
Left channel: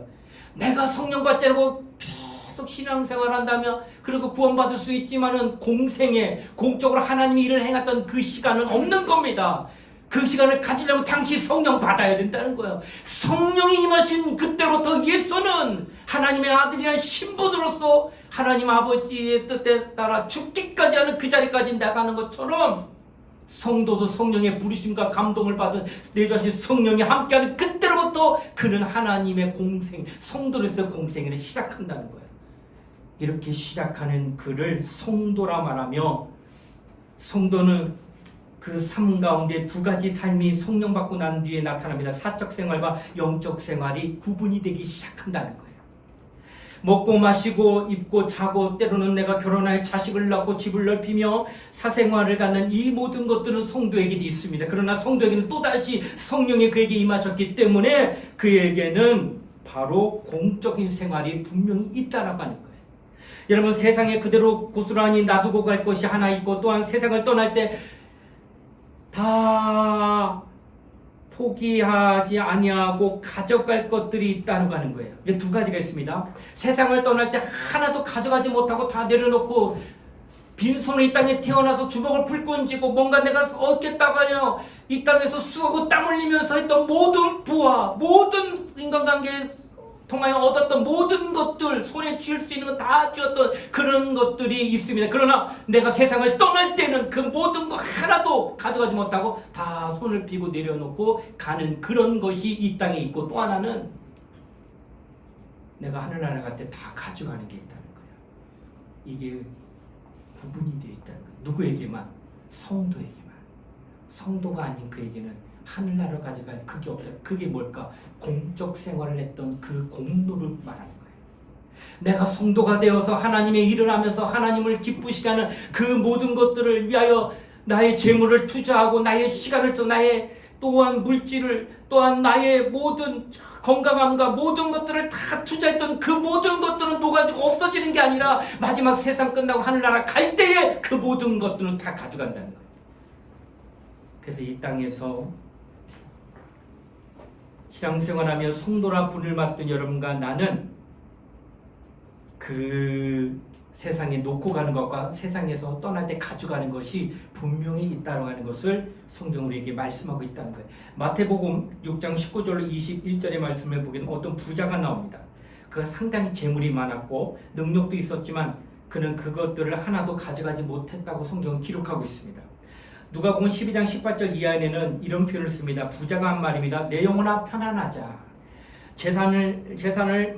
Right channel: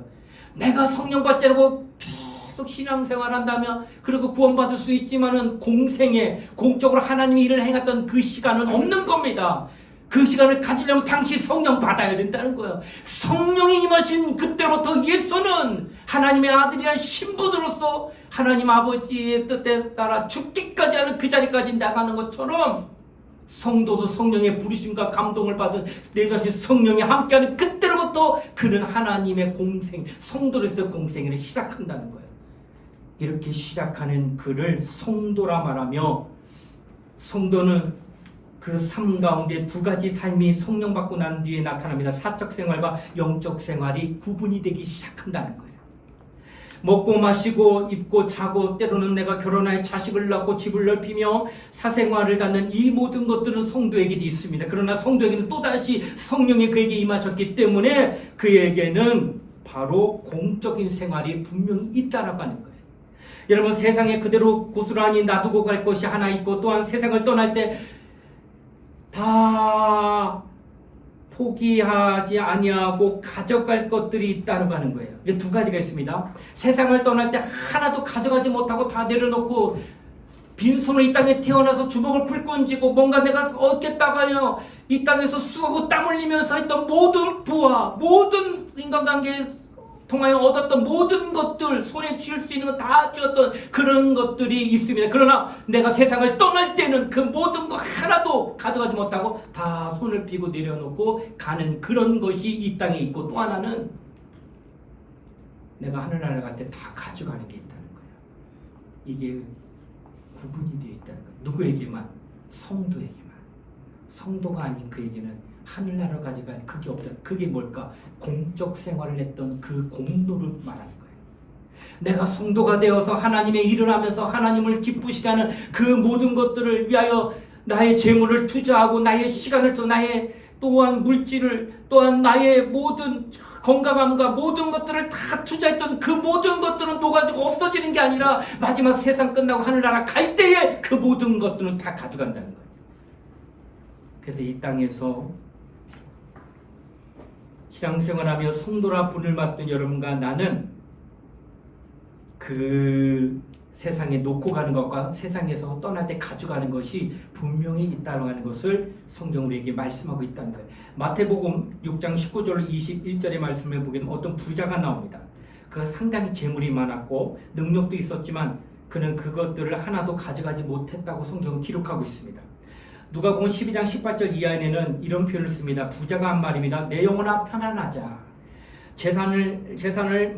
내가 성령 받지 않고 계속 신앙생활 한다면 그리고 구원받을 수 있지만은 공생애, 공적으로 하나님이 일을 행했던 그 시간은 없는 겁니다. 그 시간을 가지려면 당시 성령 받아야 된다는 거예요. 성령이 임하신 그때부터 예수는 하나님의 아들이란 신분으로서 하나님 아버지의 뜻에 따라 죽기까지 하는 그 자리까지 나가는 것처럼 성도도 성령의 부르심과 감동을 받은 내 자신 성령이 함께하는 그때로부터 그는 하나님의 공생, 성도로서의 공생애를 시작한다는 거예요. 이렇게 시작하는 그를 성도라 말하며, 성도는 그 삶 가운데 두 가지 삶이 성령 받고 난 뒤에 나타납니다. 사적 생활과 영적 생활이 구분이 되기 시작한다는 거예요. 먹고 마시고 입고 자고 때로는 내가 결혼할 자식을 낳고 집을 넓히며 사생활을 갖는 이 모든 것들은 성도에게도 있습니다. 그러나 성도에게는 또다시 성령이 그에게 임하셨기 때문에 그에게는 바로 공적인 생활이 분명히 있다라고 하는 거예요. 여러분, 세상에 그대로 고스란히 놔두고 갈 것이 하나 있고, 또한 세상을 떠날 때 다 포기하지 아니하고 가져갈 것들이 있다고 하는 거예요. 이게 두 가지가 있습니다. 세상을 떠날 때 하나도 가져가지 못하고 다 내려놓고 빈손으로 이 땅에 태어나서 주먹을 불끈 쥐고 뭔가 내가 얻겠다가요 이 땅에서 수고하고 땀 흘리면서 했던 모든 부와 모든 인간관계에 통하여 얻었던 모든 것들, 손에 쥐을 수 있는 거 다 쥐었던 그런 것들이 있습니다. 그러나 내가 세상을 떠날 때는 그 모든 거 하나도 가져가지 못하고 다 손을 펴고 내려놓고 가는 그런 것이 이 땅에 있고, 또 하나는 내가 하늘나라 갈 때 다 가져가는 게 있다는 거예요. 이게 구분이 되어 있다는 거예요. 누구에게만? 성도에게만. 성도가 아닌 그에게는 하늘나라를 가져갈 그게 없다. 그게 뭘까? 공적 생활을 했던 그 공로를 말하는 거예요. 내가 성도가 되어서 하나님의 일을 하면서 하나님을 기쁘시게 하는 그 모든 것들을 위하여 나의 재물을 투자하고 나의 시간을 또 나의 또한 물질을 또한 나의 모든 건강함과 모든 것들을 다 투자했던 그 모든 것들은 녹아지고 없어지는 게 아니라 마지막 세상 끝나고 하늘나라 갈 때에 그 모든 것들은 다 가져간다는 거예요. 그래서 이 땅에서 신앙생활하며 성도라 분을 맡은 여러분과 나는 그 세상에 놓고 가는 것과 세상에서 떠날 때 가져가는 것이 분명히 있다고 하는 것을 성경 우리에게 말씀하고 있다는 거예요. 마태복음 6장 19절 21절의 말씀을 보기에는 어떤 부자가 나옵니다. 그가 상당히 재물이 많았고 능력도 있었지만 그는 그것들을 하나도 가져가지 못했다고 성경은 기록하고 있습니다. 누가복음 12장 18절 이하에는 이런 표현을 씁니다. 부자가 한 말입니다. 내 영혼아 편안하자. 재산을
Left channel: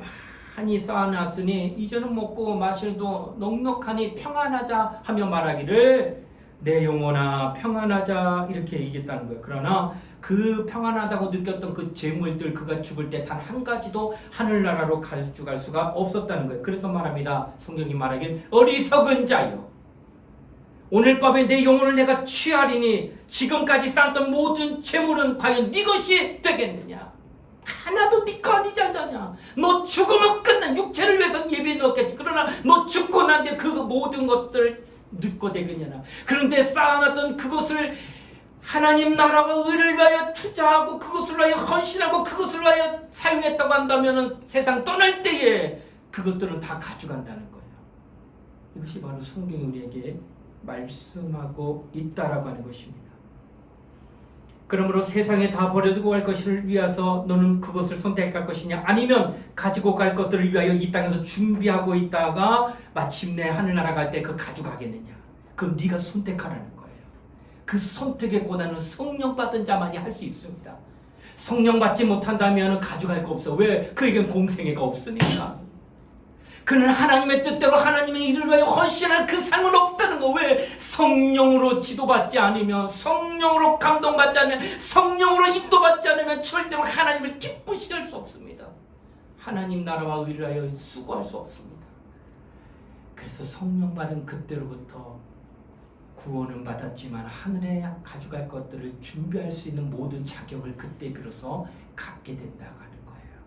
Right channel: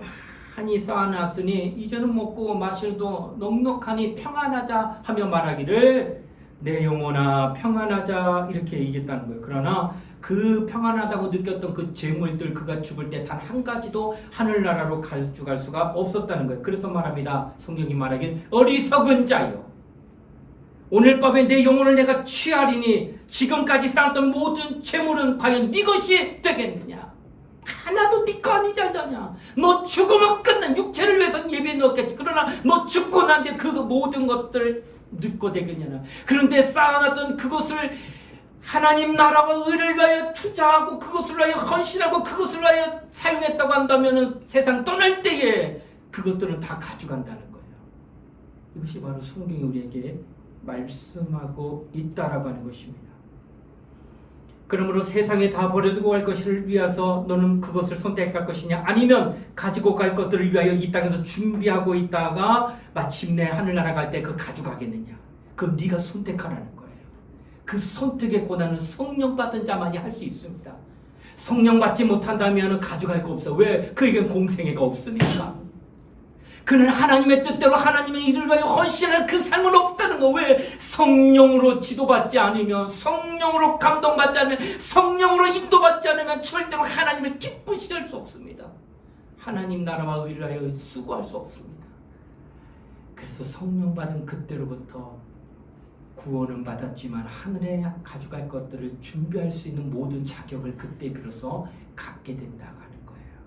많이 쌓아놨으니 이제는 먹고 마실도 넉넉하니 평안하자 하며 말하기를 내 영혼아 평안하자 이렇게 얘기했다는 거예요. 그러나 그 평안하다고 느꼈던 그 재물들 그가 죽을 때 단 한 가지도 하늘나라로 가져갈 수가 없었다는 거예요. 그래서 말합니다. 성경이 말하기를 어리석은 자여 오늘 밤에 내 영혼을 내가 취하리니 지금까지 쌓았던 모든 재물은 과연 네 것이 되겠느냐. 하나도 네 거 아니잖아. 너 죽으면 끝난 육체를 위해서 예배에 넣었겠지. 그러나 너 죽고 난 뒤에 그 모든 것들을 네 거 되겠냐. 그런데 쌓아놨던 그것을 하나님 나라와 의를 위하여 투자하고 그것을 위하여 헌신하고 그것을 위하여 사용했다고 한다면 세상 떠날 때에 그것들은 다 가져간다는 거예요. 이것이 바로 성경이 우리에게 말씀하고 있다라고 하는 것입니다. 그러므로 세상에 다 버려두고 갈 것을 위해서 너는 그것을 선택할 것이냐 아니면 가지고 갈 것들을 위하여 이 땅에서 준비하고 있다가 마침내 하늘나라 갈 때 그거 가져가겠느냐. 그건 네가 선택하라는 거예요. 그 선택의 고난은 성령 받은 자만이 할 수 있습니다. 성령 받지 못한다면 가져갈 거 없어. 왜? 그에겐 공생애가 없으니까. 그는 하나님의 뜻대로 하나님의 일을 위하여 헌신할 그 삶은 없다는 거. 왜? 성령으로 지도받지 않으면, 성령으로 감동받지 않으면, 성령으로 인도받지 않으면 절대로 하나님을 기쁘시게 할 수 없습니다. 하나님 나라와 의를 위하여 수고할 수 없습니다. 그래서 성령 받은 그때로부터 구원은 받았지만 하늘에 가져갈 것들을 준비할 수 있는 모든 자격을 그때 비로소 갖게 된다고 하는 거예요.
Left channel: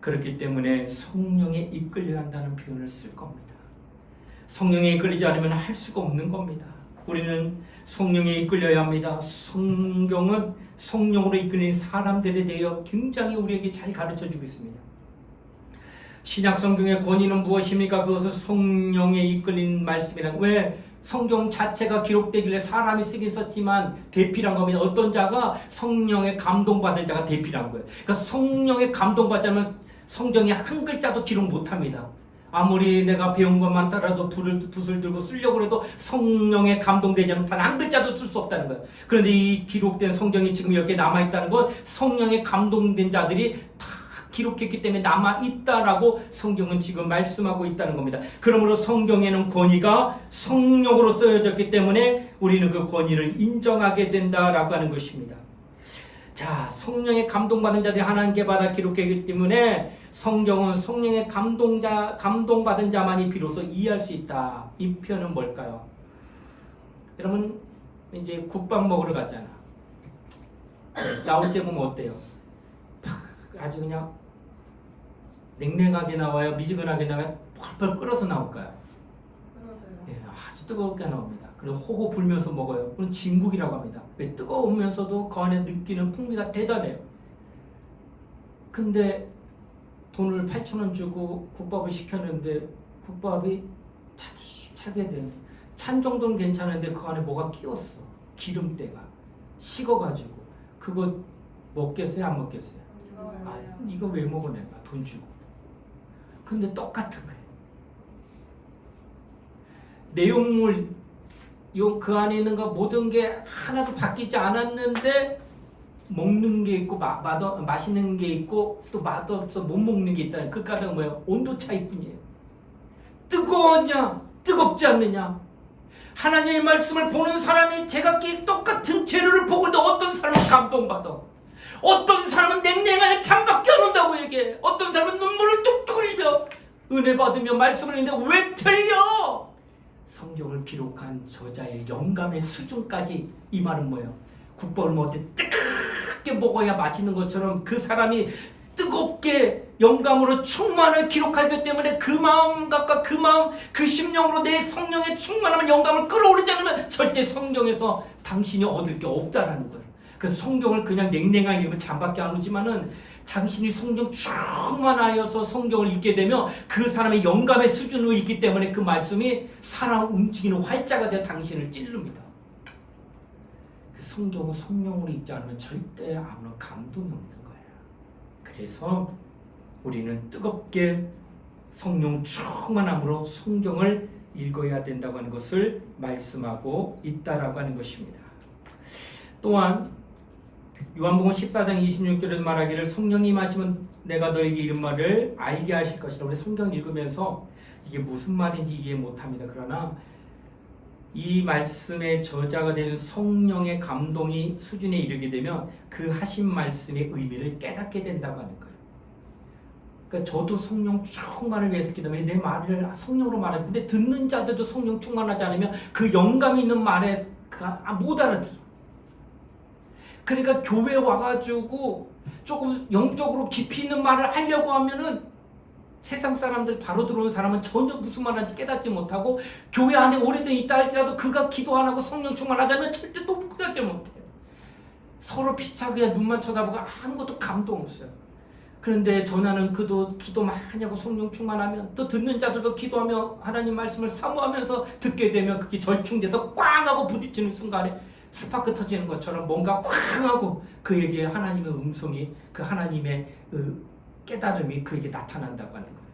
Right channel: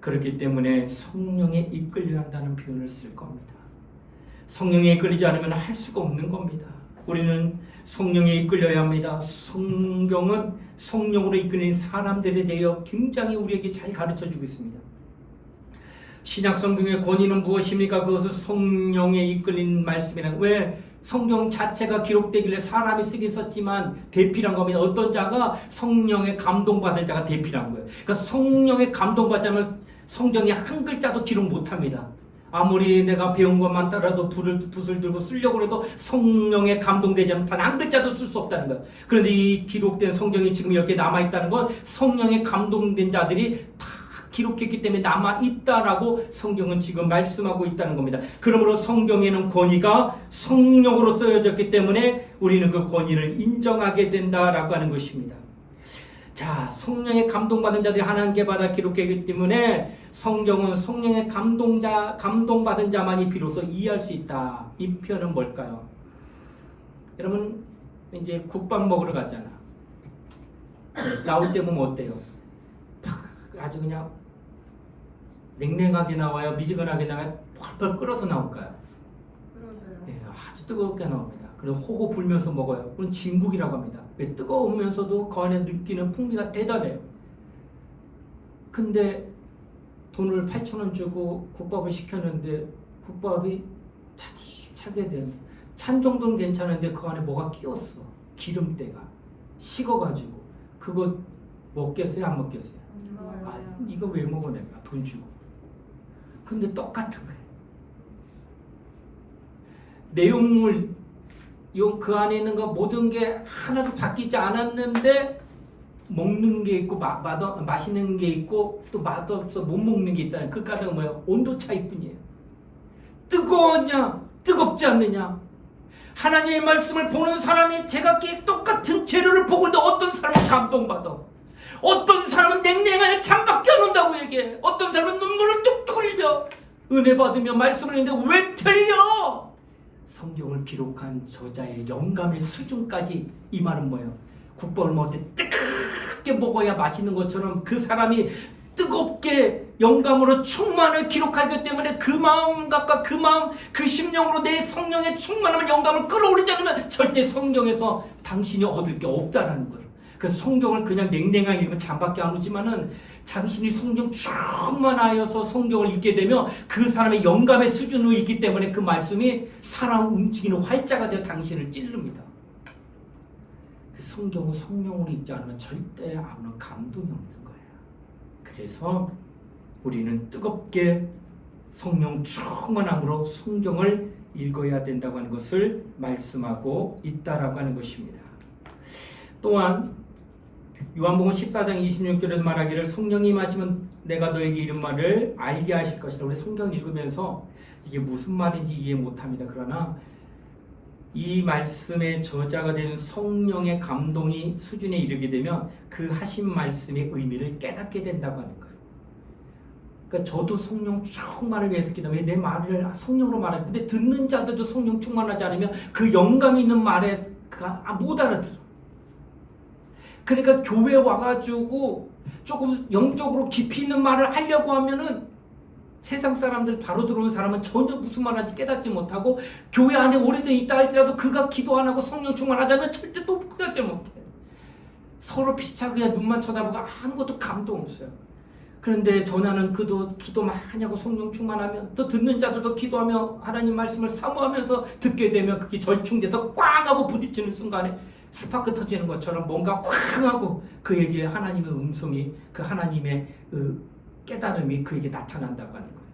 그렇기 때문에 성령에 이끌려야 한다는 표현을 쓸 겁니다. 성령에 이끌리지 않으면 할 수가 없는 겁니다. 우리는 성령에 이끌려야 합니다. 성경은 성령으로 이끌린 사람들에 대해 굉장히 우리에게 잘 가르쳐주고 있습니다. 신약 성경의 권위는 무엇입니까? 그것은 성령에 이끌린 말씀이란. 왜? 성경 자체가 기록되길래 사람이 쓰긴 썼지만 대필한 겁니다. 어떤 자가 성령에 감동받은 자가 대필한 거예요. 그러니까 성령에 감동받자면 성경에 한 글자도 기록 못합니다. 아무리 내가 배운 것만 따라도 붓을 들고 쓰려고 해도 성령에 감동되지 않으면 단 한 글자도 쓸 수 없다는 거예요. 그런데 이 기록된 성경이 지금 이렇게 남아있다는 건 성령에 감동된 자들이 다 기록했기 때문에 남아있다라고 성경은 지금 말씀하고 있다는 겁니다. 그러므로 성경에는 권위가 성령으로 쓰여졌기 때문에 우리는 그 권위를 인정하게 된다라고 하는 것입니다. 자, 성령의 감동받은 자들이 하나님께 받아 기록했기 때문에 성경은 성령의 감동받은 자만이 비로소 이해할 수 있다. 이 표현은 뭘까요? 여러분 이제 국밥 먹으러 가잖아. 나올 때 보면 어때요? 아주 그냥 냉랭하게 나와요? 미지근하게 나와요? 펄펄 끓어서 나올까요? 예, 아주 뜨겁게 나옵니다. 그리고 호호 불면서 먹어요. 그건 진국이라고 합니다. 왜? 뜨거우면서도 그 안에 느끼는 풍미가 대단해요. 근데 돈을 8,000원 주고 국밥을 시켰는데 국밥이 차디차게 됩니다. 찬 정도는 괜찮은데 그 안에 뭐가 끼었어. 기름때가 식어가지고 그거 먹겠어요? 안 먹겠어요? 아, 이거 왜 먹어 내가 돈 주고. 근데 똑같은 거예요. 내용물 그 안에 있는 거 모든 게 하나도 바뀌지 않았는데 먹는 게 있고 맛있는 게 있고 또 맛없어 못 먹는 게 있다는 그 까닭은 뭐예요? 온도 차이뿐이에요. 뜨거웠냐 뜨겁지 않느냐? 하나님의 말씀을 보는 사람이 제각기 똑같은 재료를 보고 있는데 어떤 사람은 감동받아, 어떤 사람은 냉랭하게 창밖에 안 온다고 얘기해, 어떤 사람은 눈물을 뚝뚝 흘리며 은혜 받으며 말씀을 했는데 왜 틀려? 성경을 기록한 저자의 영감의 수준까지. 이 말은 뭐예요? 국밥을 먹을 때 뜨겁게 먹어야 맛있는 것처럼 그 사람이 뜨겁게 영감으로 충만을 기록하기 때문에 그 마음과 그 마음, 그 심령으로 내 성령의 충만함을, 영감을 끌어올리지 않으면 절대 성경에서 당신이 얻을 게 없다라는 거예요. 그래서 성경을 그냥 냉랭하게 읽으면 잠밖에 안 오지만은 당신이 성경 충만하여서 성경을 읽게 되면 그 사람의 영감의 수준으로 있기 때문에 그 말씀이 사람을 움직이는 활자가 되어 당신을 찌릅니다. 그 성경은 성령으로 읽지 않으면 절대 아무런 감동이 없는 거예요. 그래서 우리는 뜨겁게 성령 충만함으로 성경을 읽어야 된다고 하는 것을 말씀하고 있다라고 하는 것입니다. 또한 요한복음 14장 26절에도 말하기를 성령이 임하시면 내가 너에게 이런 말을 알게 하실 것이다. 우리 성경 읽으면서 이게 무슨 말인지 이해 못합니다. 그러나 이 말씀의 저자가 되는 성령의 감동이 수준에 이르게 되면 그 하신 말씀의 의미를 깨닫게 된다고 하는 거예요. 그러니까 저도 성령 충만을 위해서 기도하며 내 말을 성령으로 말하는데, 근데 듣는 자들도 성령 충만하지 않으면 그 영감이 있는 말에 못 알아들어. 그러니까 교회 와가지고 조금 영적으로 깊이 있는 말을 하려고 하면은 세상 사람들, 바로 들어오는 사람은 전혀 무슨 말하는지 깨닫지 못하고, 교회 안에 오래전 있다 할지라도 그가 기도 안 하고 성령 충만하자면 절대 또 깨닫지 못해. 서로 피차고 그냥 눈만 쳐다보고 아무것도 감동 없어요. 그런데 전하는 그도 기도 많이 하고 성령 충만하면, 또 듣는 자들도 기도하며 하나님 말씀을 사모하면서 듣게 되면 그게 절충돼서 꽝 하고 부딪히는 순간에 스파크 터지는 것처럼 뭔가 확 하고 그에게 하나님의 음성이, 그 하나님의 깨달음이 그에게 나타난다고 하는 거예요.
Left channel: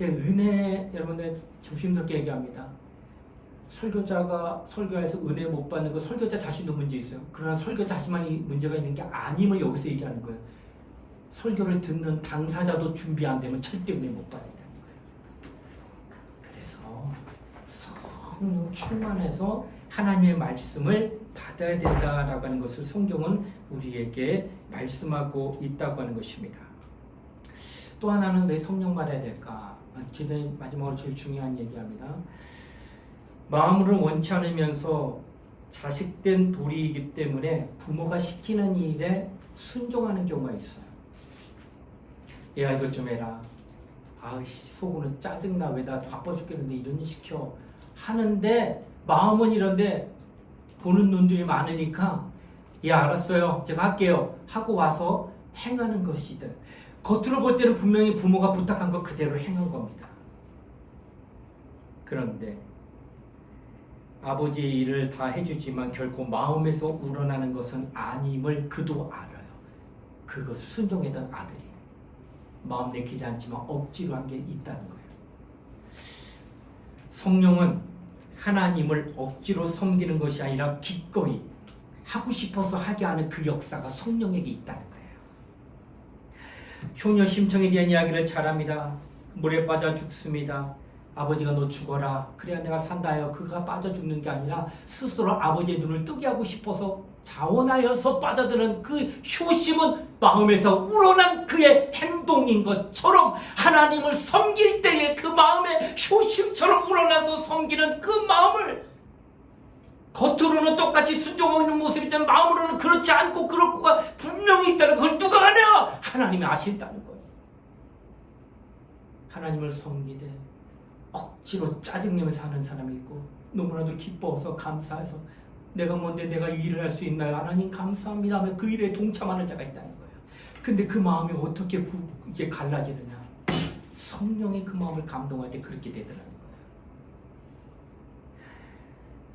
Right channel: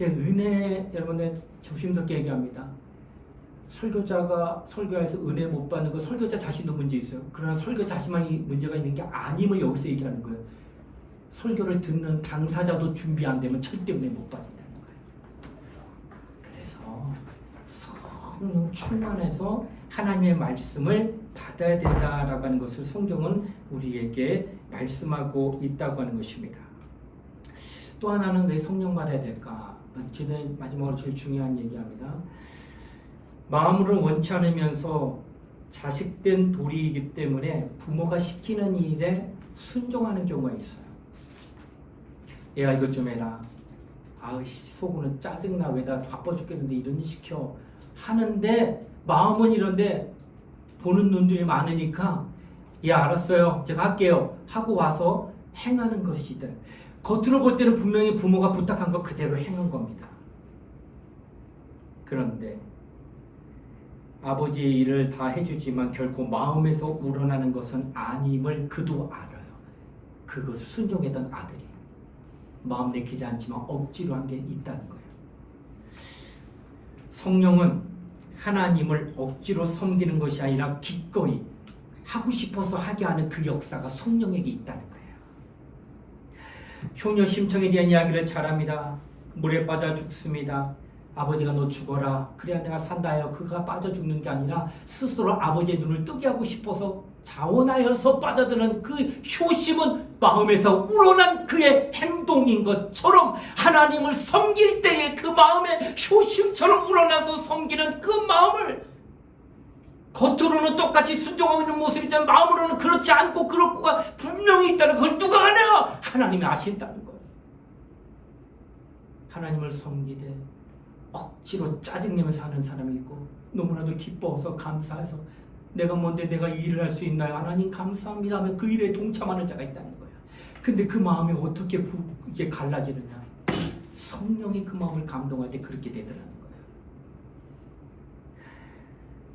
은혜, 여러분들 조심스럽게 얘기합니다. 설교자가 설교해서 은혜 못 받는 거 설교자 자신도 문제 있어요. 그러나 설교자 자신만이 문제가 있는 게 아님을 여기서 얘기하는 거예요. 설교를 듣는 당사자도 준비 안 되면 절대 은혜 못 받는다는 거예요. 그래서 성령 충만해서 하나님의 말씀을 받아야 된다라고 하는 것을 성경은 우리에게 말씀하고 있다고 하는 것입니다. 또 하나는 왜 성령 받아야 될까? 마지막으로 제일 중요한 얘기합니다. 마음으로 원치 않으면서 자식된 도리이기 때문에 부모가 시키는 일에 순종하는 경우가 있어요. 얘가 이것 좀 해라. 아이씨, 속으로는 짜증나. 왜 나 바빠 죽겠는데 이런 일 시켜. 하는데 마음은 이런데 보는 눈들이 많으니까 예 알았어요. 제가 할게요. 하고 와서 행하는 것이든, 겉으로 볼 때는 분명히 부모가 부탁한 거 그대로 행한 겁니다. 그런데 아버지의 일을 다 해주지만 결코 마음에서 우러나는 것은 아님을 그도 알아요. 그것을 순종했던 아들이 마음 내키지 않지만 억지로 한 게 있다는 거예요. 성령은 하나님을 억지로 섬기는 것이 아니라 기꺼이 하고 싶어서 하게 하는 그 역사가 성령에게 있다는 거예요. 효녀 심청에 대한 이야기를 잘합니다. 물에 빠져 죽습니다. 아버지가 너 죽어라. 그래야 내가 산다 해요. 그가 빠져 죽는 게 아니라 스스로 아버지의 눈을 뜨게 하고 싶어서 자원하여서 빠져드는 그 효심은 마음에서 우러난 그의 행동인 것처럼 하나님을 섬길 때에 그 마음의 효심처럼 우러나서 섬기는 그 마음을, 겉으로는 똑같이 순종하고 있는 모습이지만 마음으로는 그렇지 않고 그럴 거가 분명히 있다는 걸 누가 아냐? 하나님이 아신다는 거예요. 하나님을 섬기되 억지로 짜증내면서 하는 사람이 있고, 너무나도 기뻐서 감사해서 내가 뭔데 내가 이 일을 할 수 있나요? 하나님 감사합니다 하며 그 일에 동참하는 자가 있다는 거예요. 근데 그 마음이 어떻게 이게 갈라지느냐? 성령이 그 마음을 감동할 때 그렇게 되더라는 거예요.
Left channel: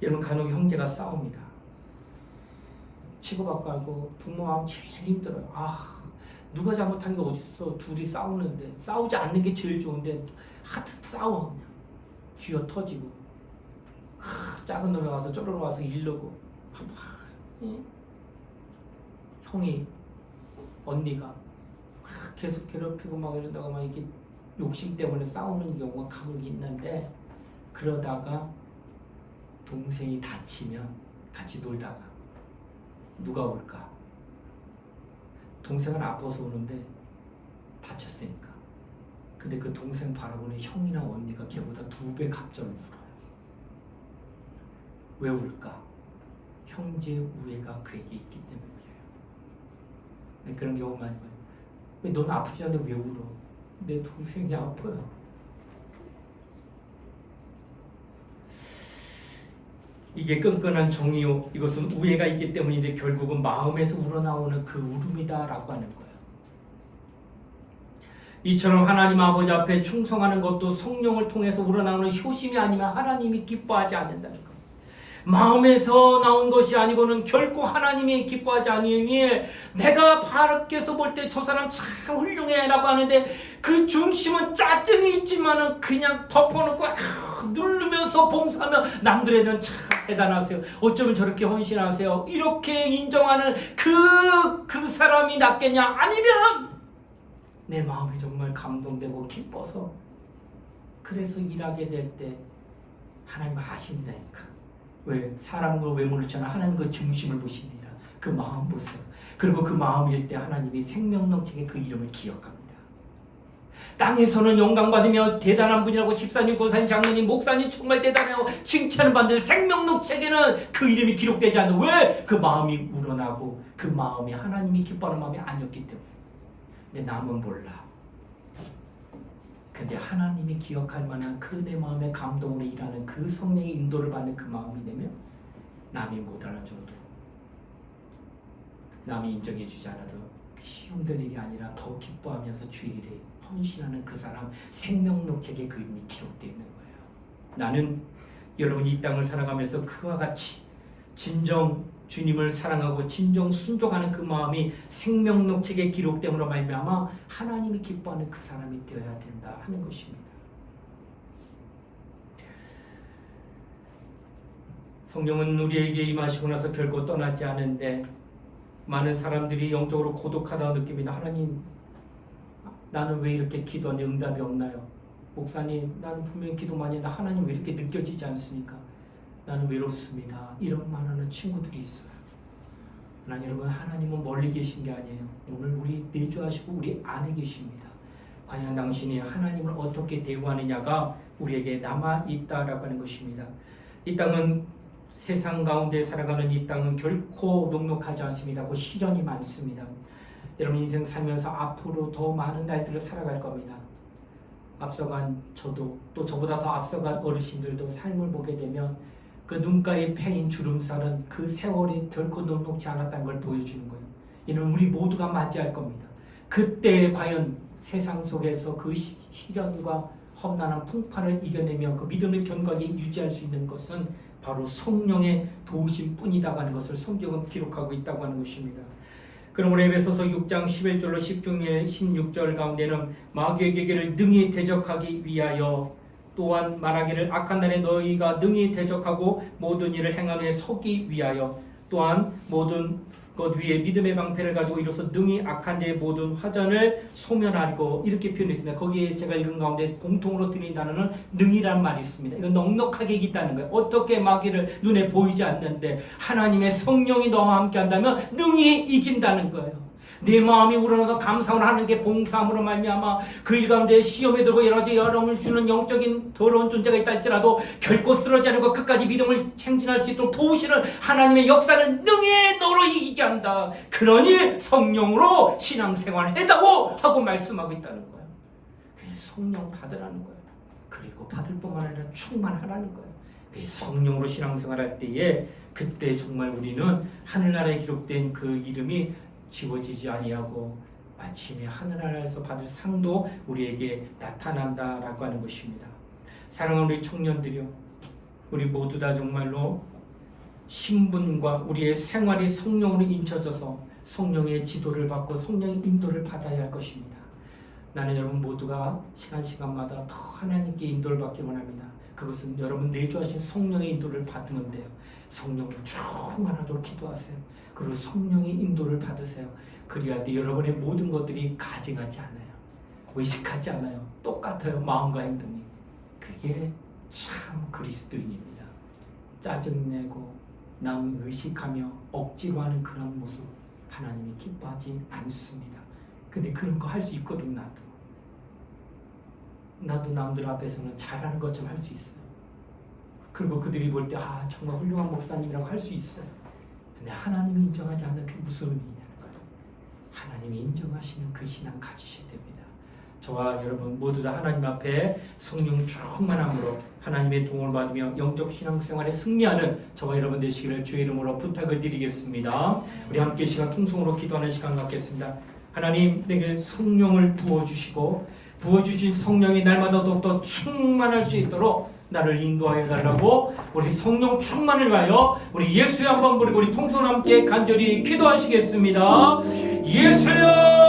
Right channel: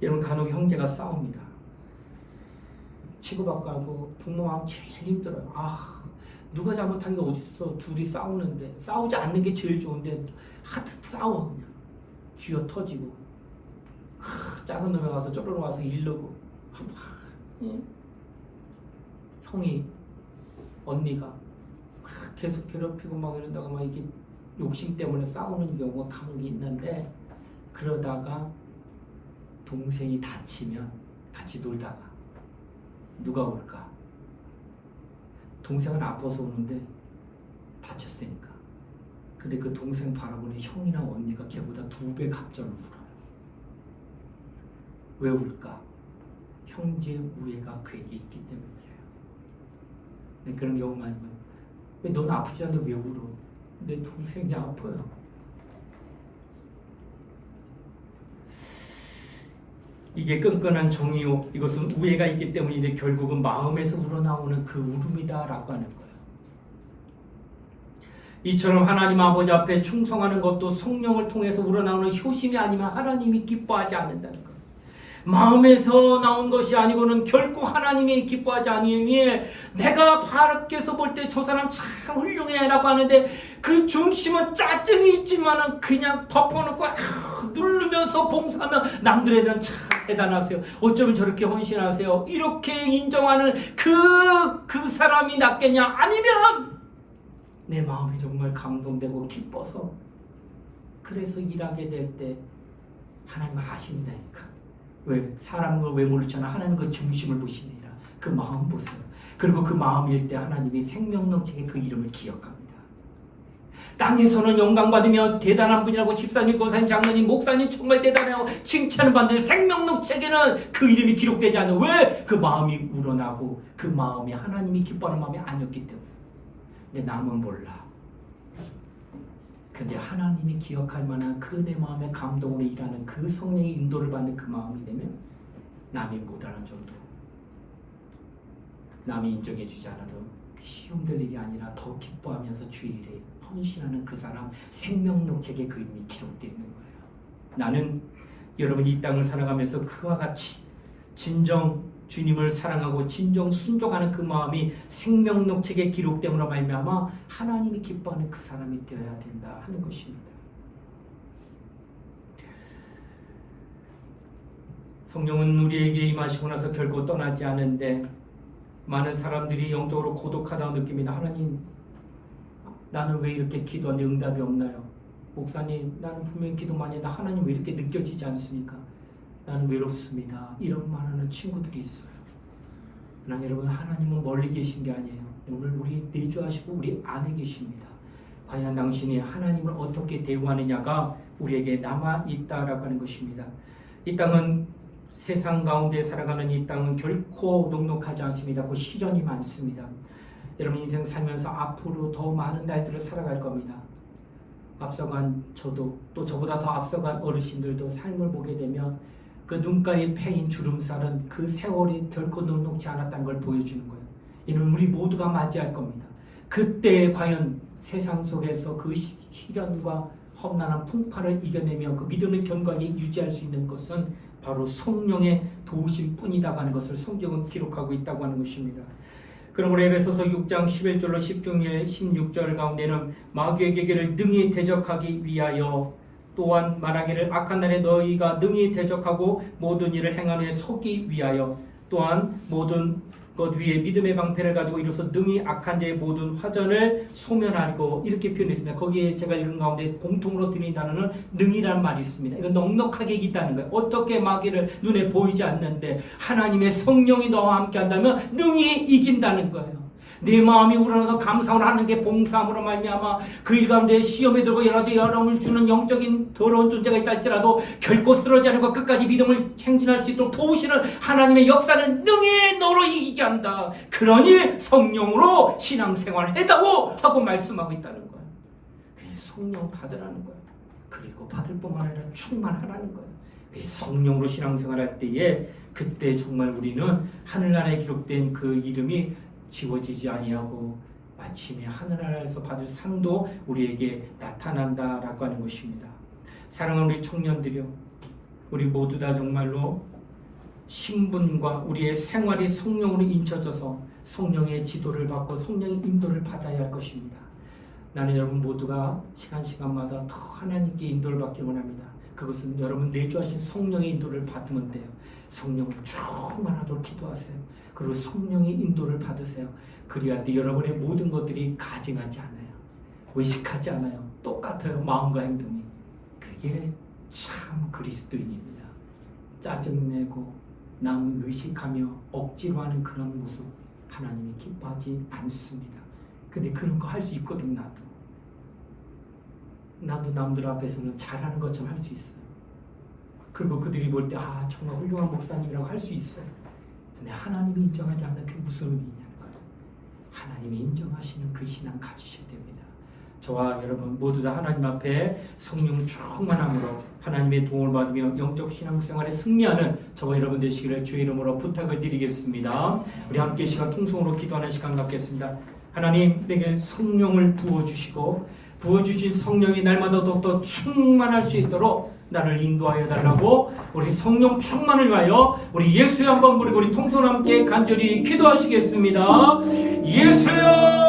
여러분, 간혹 형제가 싸웁니다. 치고받고 하고 부모 마음 제일 힘들어요. 누가 잘못한 게 어딨어. 둘이 싸우는데, 싸우지 않는 게 제일 좋은데 하트 싸워. 그냥 쥐어 터지고 작은 놈에 와서 쪼르르 와서 이르고, 형이 언니가 계속 괴롭히고 막 이런다고 막 이게 욕심 때문에 싸우는 경우가 간혹 있는데, 그러다가 동생이 다치면 같이 놀다가 누가 올까? 동생은 아파서 오는데 다쳤으니까. 근데 그 동생 바라보는 형이나 언니가 걔보다 2배 갑자기 울어요. 왜 울까? 형제 우애가 그에게 있기 때문에 그래요. 그런 경우 많이 봐요. 왜 넌 아프지 않는데 왜 울어? 내 동생이 아파요. 이게 끈끈한 정이요, 이것은 우애가 있기 때문인데 결국은 마음에서 우러나오는 그 울음이다라고 하는 거예요. 이처럼 하나님 아버지 앞에 충성하는 것도 성령을 통해서 우러나오는 효심이 아니면 하나님이 기뻐하지 않는다는 거예요. 마음에서 나온 것이 아니고는 결코 하나님이 기뻐하지 않으니, 내가 밖에서 볼 때 저 사람 참 훌륭해 라고 하는데 그 중심은 짜증이 있지만은 그냥 덮어놓고 누르면서 봉사하면 남들에는 참 대단하세요, 어쩌면 저렇게 헌신하세요, 이렇게 인정하는 그 사람이 낫겠냐? 아니면 내 마음이 정말 감동되고 기뻐서 그래서 일하게 될 때 하나님 아신다니까. 왜? 사람을 왜 모르잖아. 하나님 그 중심을 보시니라. 그 마음 보세요. 그리고 그 마음일 때 하나님이 생명농책의 그 이름을 기억합니다. 땅에서는 영광받으며 대단한 분이라고 집사님, 권사님, 장로님, 목사님 정말 대단해요 칭찬을 받는 생명농책에는 그 이름이 기록되지 않는, 왜? 그 마음이 우러나고 그 마음이 하나님이 기뻐하는 마음이 아니었기 때문에. 근데 남은 몰라. 근데 하나님이 기억할 만한 그 내 마음의 감동으로 일하는 그 성령의 인도를 받는 그 마음이 되면 남이 못하는 정도로, 남이 인정해 주지 않아도 시험될 일이 아니라 더 기뻐하면서 주의 일에 헌신하는 그 사람 생명록책에 그 이름이 기록되어 있는 거예요. 나는 여러분이 이 땅을 살아가면서 그와 같이 진정 주님을 사랑하고 진정 순종하는 그 마음이 생명록책에 기록됨으로 말미암아 하나님이 기뻐하는 그 사람이 되어야 된다 하는 것입니다. 성령은 우리에게 임하시고 나서 결코 떠나지 않는데, 많은 사람들이 영적으로 고독하다고 느낍니다. 하나님, 나는 왜 이렇게 기도하는데 응답이 없나요? 목사님, 나는 분명히 기도 많이 했는데 하나님 왜 이렇게 느껴지지 않습니까? 나는 외롭습니다. 이런 말하는 친구들이 있어요. 그러나 여러분, 하나님은 멀리 계신 게 아니에요. 오늘 우리 내주하시고 우리 안에 계십니다. 과연 당신이 하나님을 어떻게 대우하느냐가 우리에게 남아있다라고 하는 것입니다. 이 땅은, 세상 가운데 살아가는 이 땅은 결코 녹록하지 않습니다. 그 시련이 많습니다. 여러분 인생 살면서 앞으로 더 많은 날들을 살아갈 겁니다. 앞서간 저도, 또 저보다 더 앞서간 어르신들도 삶을 보게 되면 그 눈가에 패인 주름살은 그 세월이 결코 녹록지 않았다는 걸 보여주는 거예요. 이는 우리 모두가 맞이할 겁니다. 그때 과연 세상 속에서 그 시련과 험난한 풍파를 이겨내며 그 믿음을 견고하게 유지할 수 있는 것은 바로 성령의 도우심 뿐이다고 하는 것을 성경은 기록하고 있다고 하는 것입니다. 그러므로 에베소서 6장 11절로 16절 가운데는 마귀의 계계를 능히 대적하기 위하여, 또한 말하기를 악한 날에 너희가 능히 대적하고 모든 일을 행하는 데 서기 위하여, 또한 모든 것 위에 믿음의 방패를 가지고 이로써 능히 악한 자의 모든 화전을 소멸하리고, 이렇게 표현했습니다. 거기에 제가 읽은 가운데 공통으로 드린 단어는 능이라는 말이 있습니다. 이건 넉넉하게 이기다는 거예요. 어떻게 마귀를 눈에 보이지 않는데 하나님의 성령이 너와 함께 한다면 능히 이긴다는 거예요. 내 마음이 우러나서 감사를 하는 게 봉사함으로 말미암아 그 일 가운데 시험에 들고 여러 가지 어려움을 주는 영적인 더러운 존재가 있다 할지라도 결코 쓰러지지 않고 끝까지 믿음을 행진할 수 있도록 도우시는 하나님의 역사는 능히 너로 이기게 한다. 그러니 성령으로 신앙생활을 해다오 하고 말씀하고 있다는 거예요. 그냥 성령 받으라는 거예요. 그리고 받을 뿐만 아니라 충만하라는 거예요. 성령으로 신앙생활할 때에 그때 정말 우리는 하늘나라에 기록된 그 이름이 지워지지 아니하고 마침내 하늘나라에서 받을 상도 우리에게 나타난다라고 하는 것입니다. 사랑하는 우리 청년들이요, 우리 모두 다 정말로 신분과 우리의 생활이 성령으로 인쳐져서 성령의 지도를 받고 성령의 인도를 받아야 할 것입니다. 나는 여러분 모두가 시간마다 더 하나님께 인도를 받기 원합니다. 그것은 여러분 내주하신 성령의 인도를 받으면 돼요. 성령으로 충만하도록 기도하세요. 그리고 성령의 인도를 받으세요. 그리할 때 여러분의 모든 것들이 가증하지 않아요. 외식하지 않아요. 똑같아요. 마음과 행동이. 그게 참 그리스도인입니다. 짜증내고 남 의식하며 억지로 하는 그런 모습 하나님이 기뻐하지 않습니다. 근데 그런 거 할 수 있거든. 나도 남들 앞에서는 잘하는 것처럼 할 수 있어요. 그리고 그들이 볼 때 정말 훌륭한 목사님이라고 할 수 있어요. 근데 하나님이 인정하지 않는 그게 무슨 의미냐는 거예요. 하나님이 인정하시는 그 신앙 가지셔야 됩니다. 저와 여러분 모두 다 하나님 앞에 성령 충만함으로 하나님의 도움을 받으며 영적 신앙생활에 승리하는 저와 여러분 되시기를 주의 이름으로 부탁을 드리겠습니다. 우리 함께 시간 통성으로 기도하는 시간 갖겠습니다. 하나님, 내게 성령을 부어주시고 부어주신 성령이 날마다 더욱더 충만할 수 있도록 나를 인도하여 달라고 우리 성령 충만을 위하여 우리 예수여 한번 부르고 우리 통성 함께 간절히 기도하시겠습니다. 예수여!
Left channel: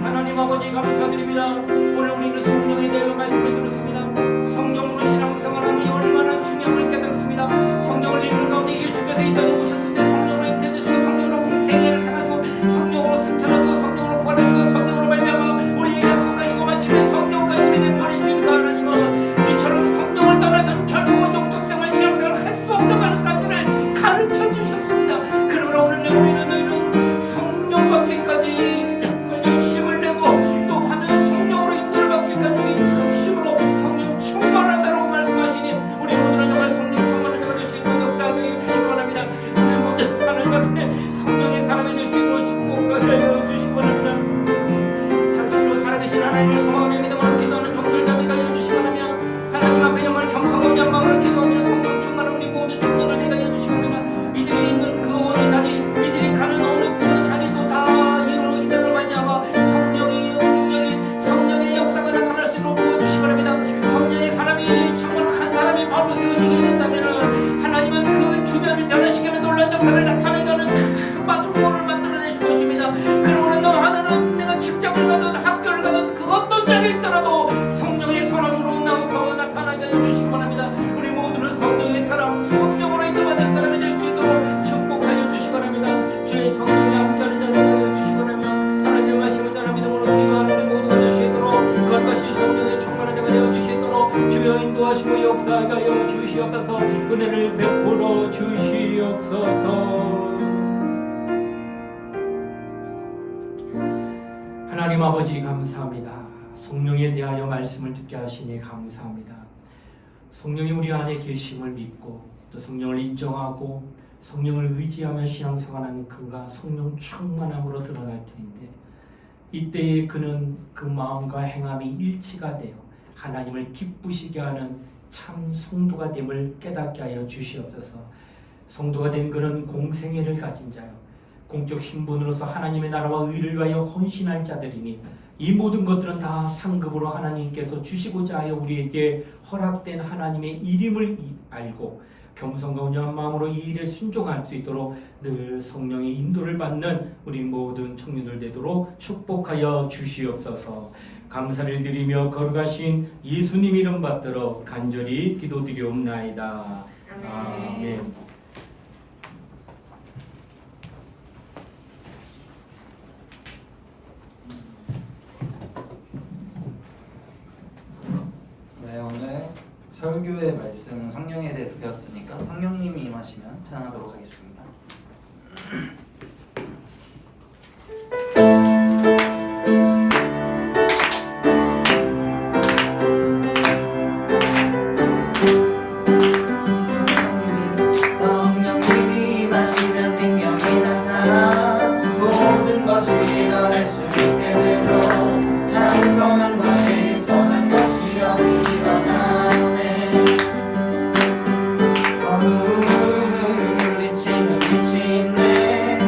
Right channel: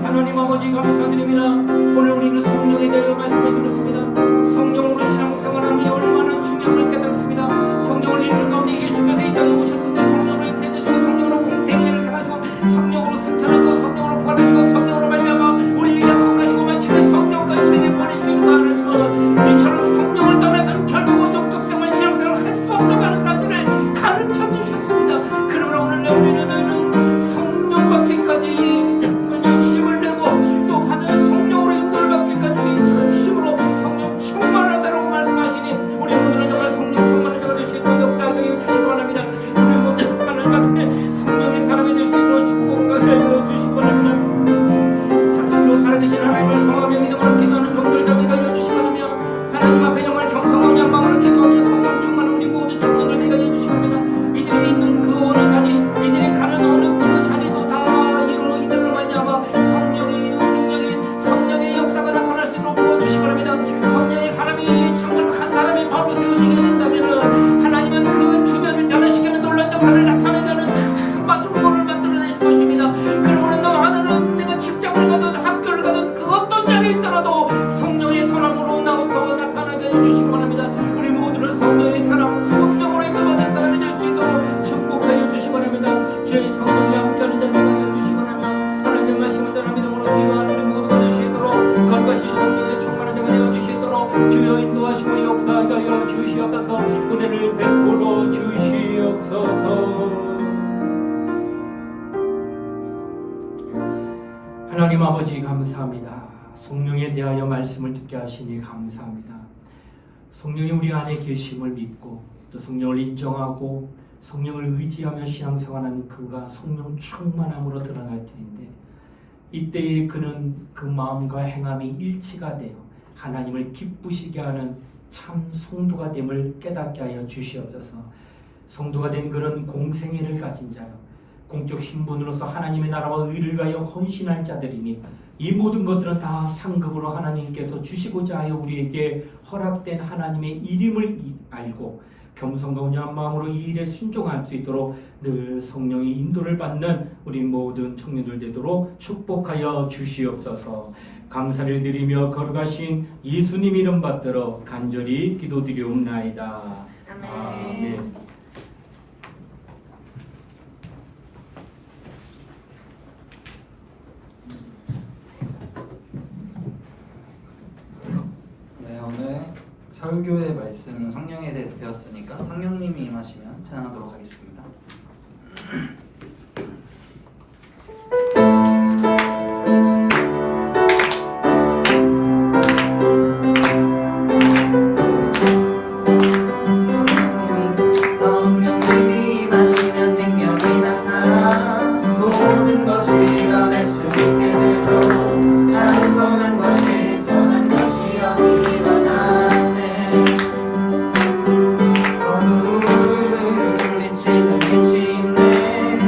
하나님 아버지 감사드립니다. 오늘 우리는 성령에 대하여 말씀을 들었습니다. 성령으로 신앙생활하는 얼마나 중요함을 깨닫습니다. 성령을 잃는 가운데 예수께서 이 땅에 오셨을 때 성령으로 잉태되시고 성령으로 공생애를 생하시고 성령으로 승천하시고 성령으로 부활하시고 성령으로 말미암아 우리에게 약속하시고 마치는 성령까지 우리에게 보내주시는 거 하나님은 이처럼 성령을 떠나서는 결코 영적 생활 신앙생활을 할 수 없다고 하는 사실을 가르쳐 주셨습니다. 그러므로 오늘 우리는 성령 받기까지 열심을 내고 또 받은 성령으로 인도를 받기까지 열심으로 성령 충만하다고 말씀하시니 우리 모두는 정말 성령 충만한 자가 되시고 역사하게 해주시기 바랍니다. 우리 모두 하나님 앞에 성령의 사람이 되시고 축복하게 하여 주시기 바랍니다. 삼실로 살아계신 하나님을 성함에 믿음으로 기도하는 종들 다 되게 하여 주시기 바라며 하나님 앞에 정말 정성과 열망으로 기도하며 성령 충만한 우리 모두 청년들 되게 하여 주시기 바랍니다. 이들이 있는 그 어느 자리 이들이 가는 어느 그 자리도 다 이들을 말미암아 성령의 역사가 나타날 수 있도록 도와주시기 바랍니다. 성령의 사람이 정말 한 사람이 바로 세워지게 된다면 하나님은 그 주변을 변화시키는 놀라운 역사를 나타내가는 큰 마중물을 만들어내실 것입니다. 그러므로 너 하나는 내가 직장을 가든 학교를 가든 그 어떤 자리에 있더라도 성령의 소람으로 더 나타나게 해주시기 바랍니다. 우리 모두는 성령의 사람은 성령으로 인도받은 사람이 될 수 있도록 축복하여 주시기 바랍니다. 주의 성령이 함께하는 자리가 되어 주시기 바라며 하나님의 말씀을 따라 믿음으로 기도하는 우리 모두가 될 수 있도록 거룩하신 성령의 충만한 자가 되어 주시도록 주여 인도하시고 역사하게 하여 주시옵소서. 은혜를 베풀어 주시옵소서. 하나님 아버지 감사합니다. 성령에 대하여 말씀을 듣게 하시니 감사합니다. 성령이 우리 안에 계심을 믿고 또 성령을 인정하고 성령을 의지하며 신앙생활하는 그가 성령 충만함으로 드러날 때인데 이때에 그는 그 마음과 행함이 일치가 되어 하나님을 기쁘시게 하는 참 성도가 됨을 깨닫게 하여 주시옵소서. 성도가 된 그런 공생애를 가진 자요 공적 신분으로서 하나님의 나라와 의를 위하여 헌신할 자들이니 이 모든 것들은 다 상급으로 하나님께서 주시고자 하여 우리에게 허락된 하나님의 이름을 알고 겸손과 온유한 마음으로 이 일에 순종할 수 있도록 늘 성령의 인도를 받는 우리 모든 청년들 되도록 축복하여 주시옵소서. 감사를 드리며 거룩하신 예수님 이름 받들어 간절히 기도드리옵나이다. 아멘. 네, 오늘 설교의 말씀 성령에 대해서 배웠으니까 성령님이 임하시면 찬양하도록 하겠습니다. 성령님이 임하시면 능력이 나타나 모든 것이 일어날 수 있게 되고 장성한 것이 선한 것이 여기 일어나네. 어둠을 물리치는 빛이 있네.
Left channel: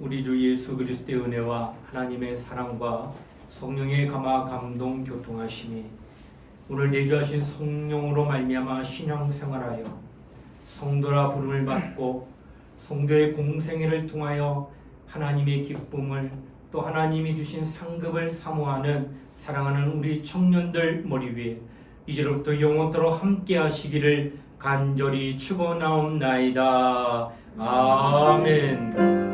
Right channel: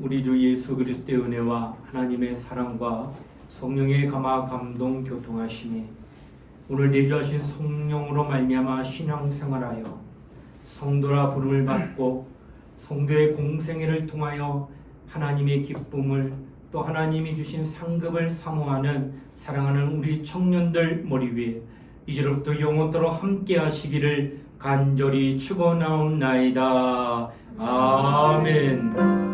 우리 주 예수 그리스도의 은혜와 하나님의 사랑과 성령의 감화 감동 교통하심이 오늘 내주하신 성령으로 말미암아 신앙생활하여 성도라 부름을 받고 성도의 공생애를 통하여 하나님의 기쁨을 또 하나님이 주신 상급을 사모하는 사랑하는 우리 청년들 머리 위에 이제로부터 영원토록 함께 하시기를 간절히 축원하옵나이다. 아멘.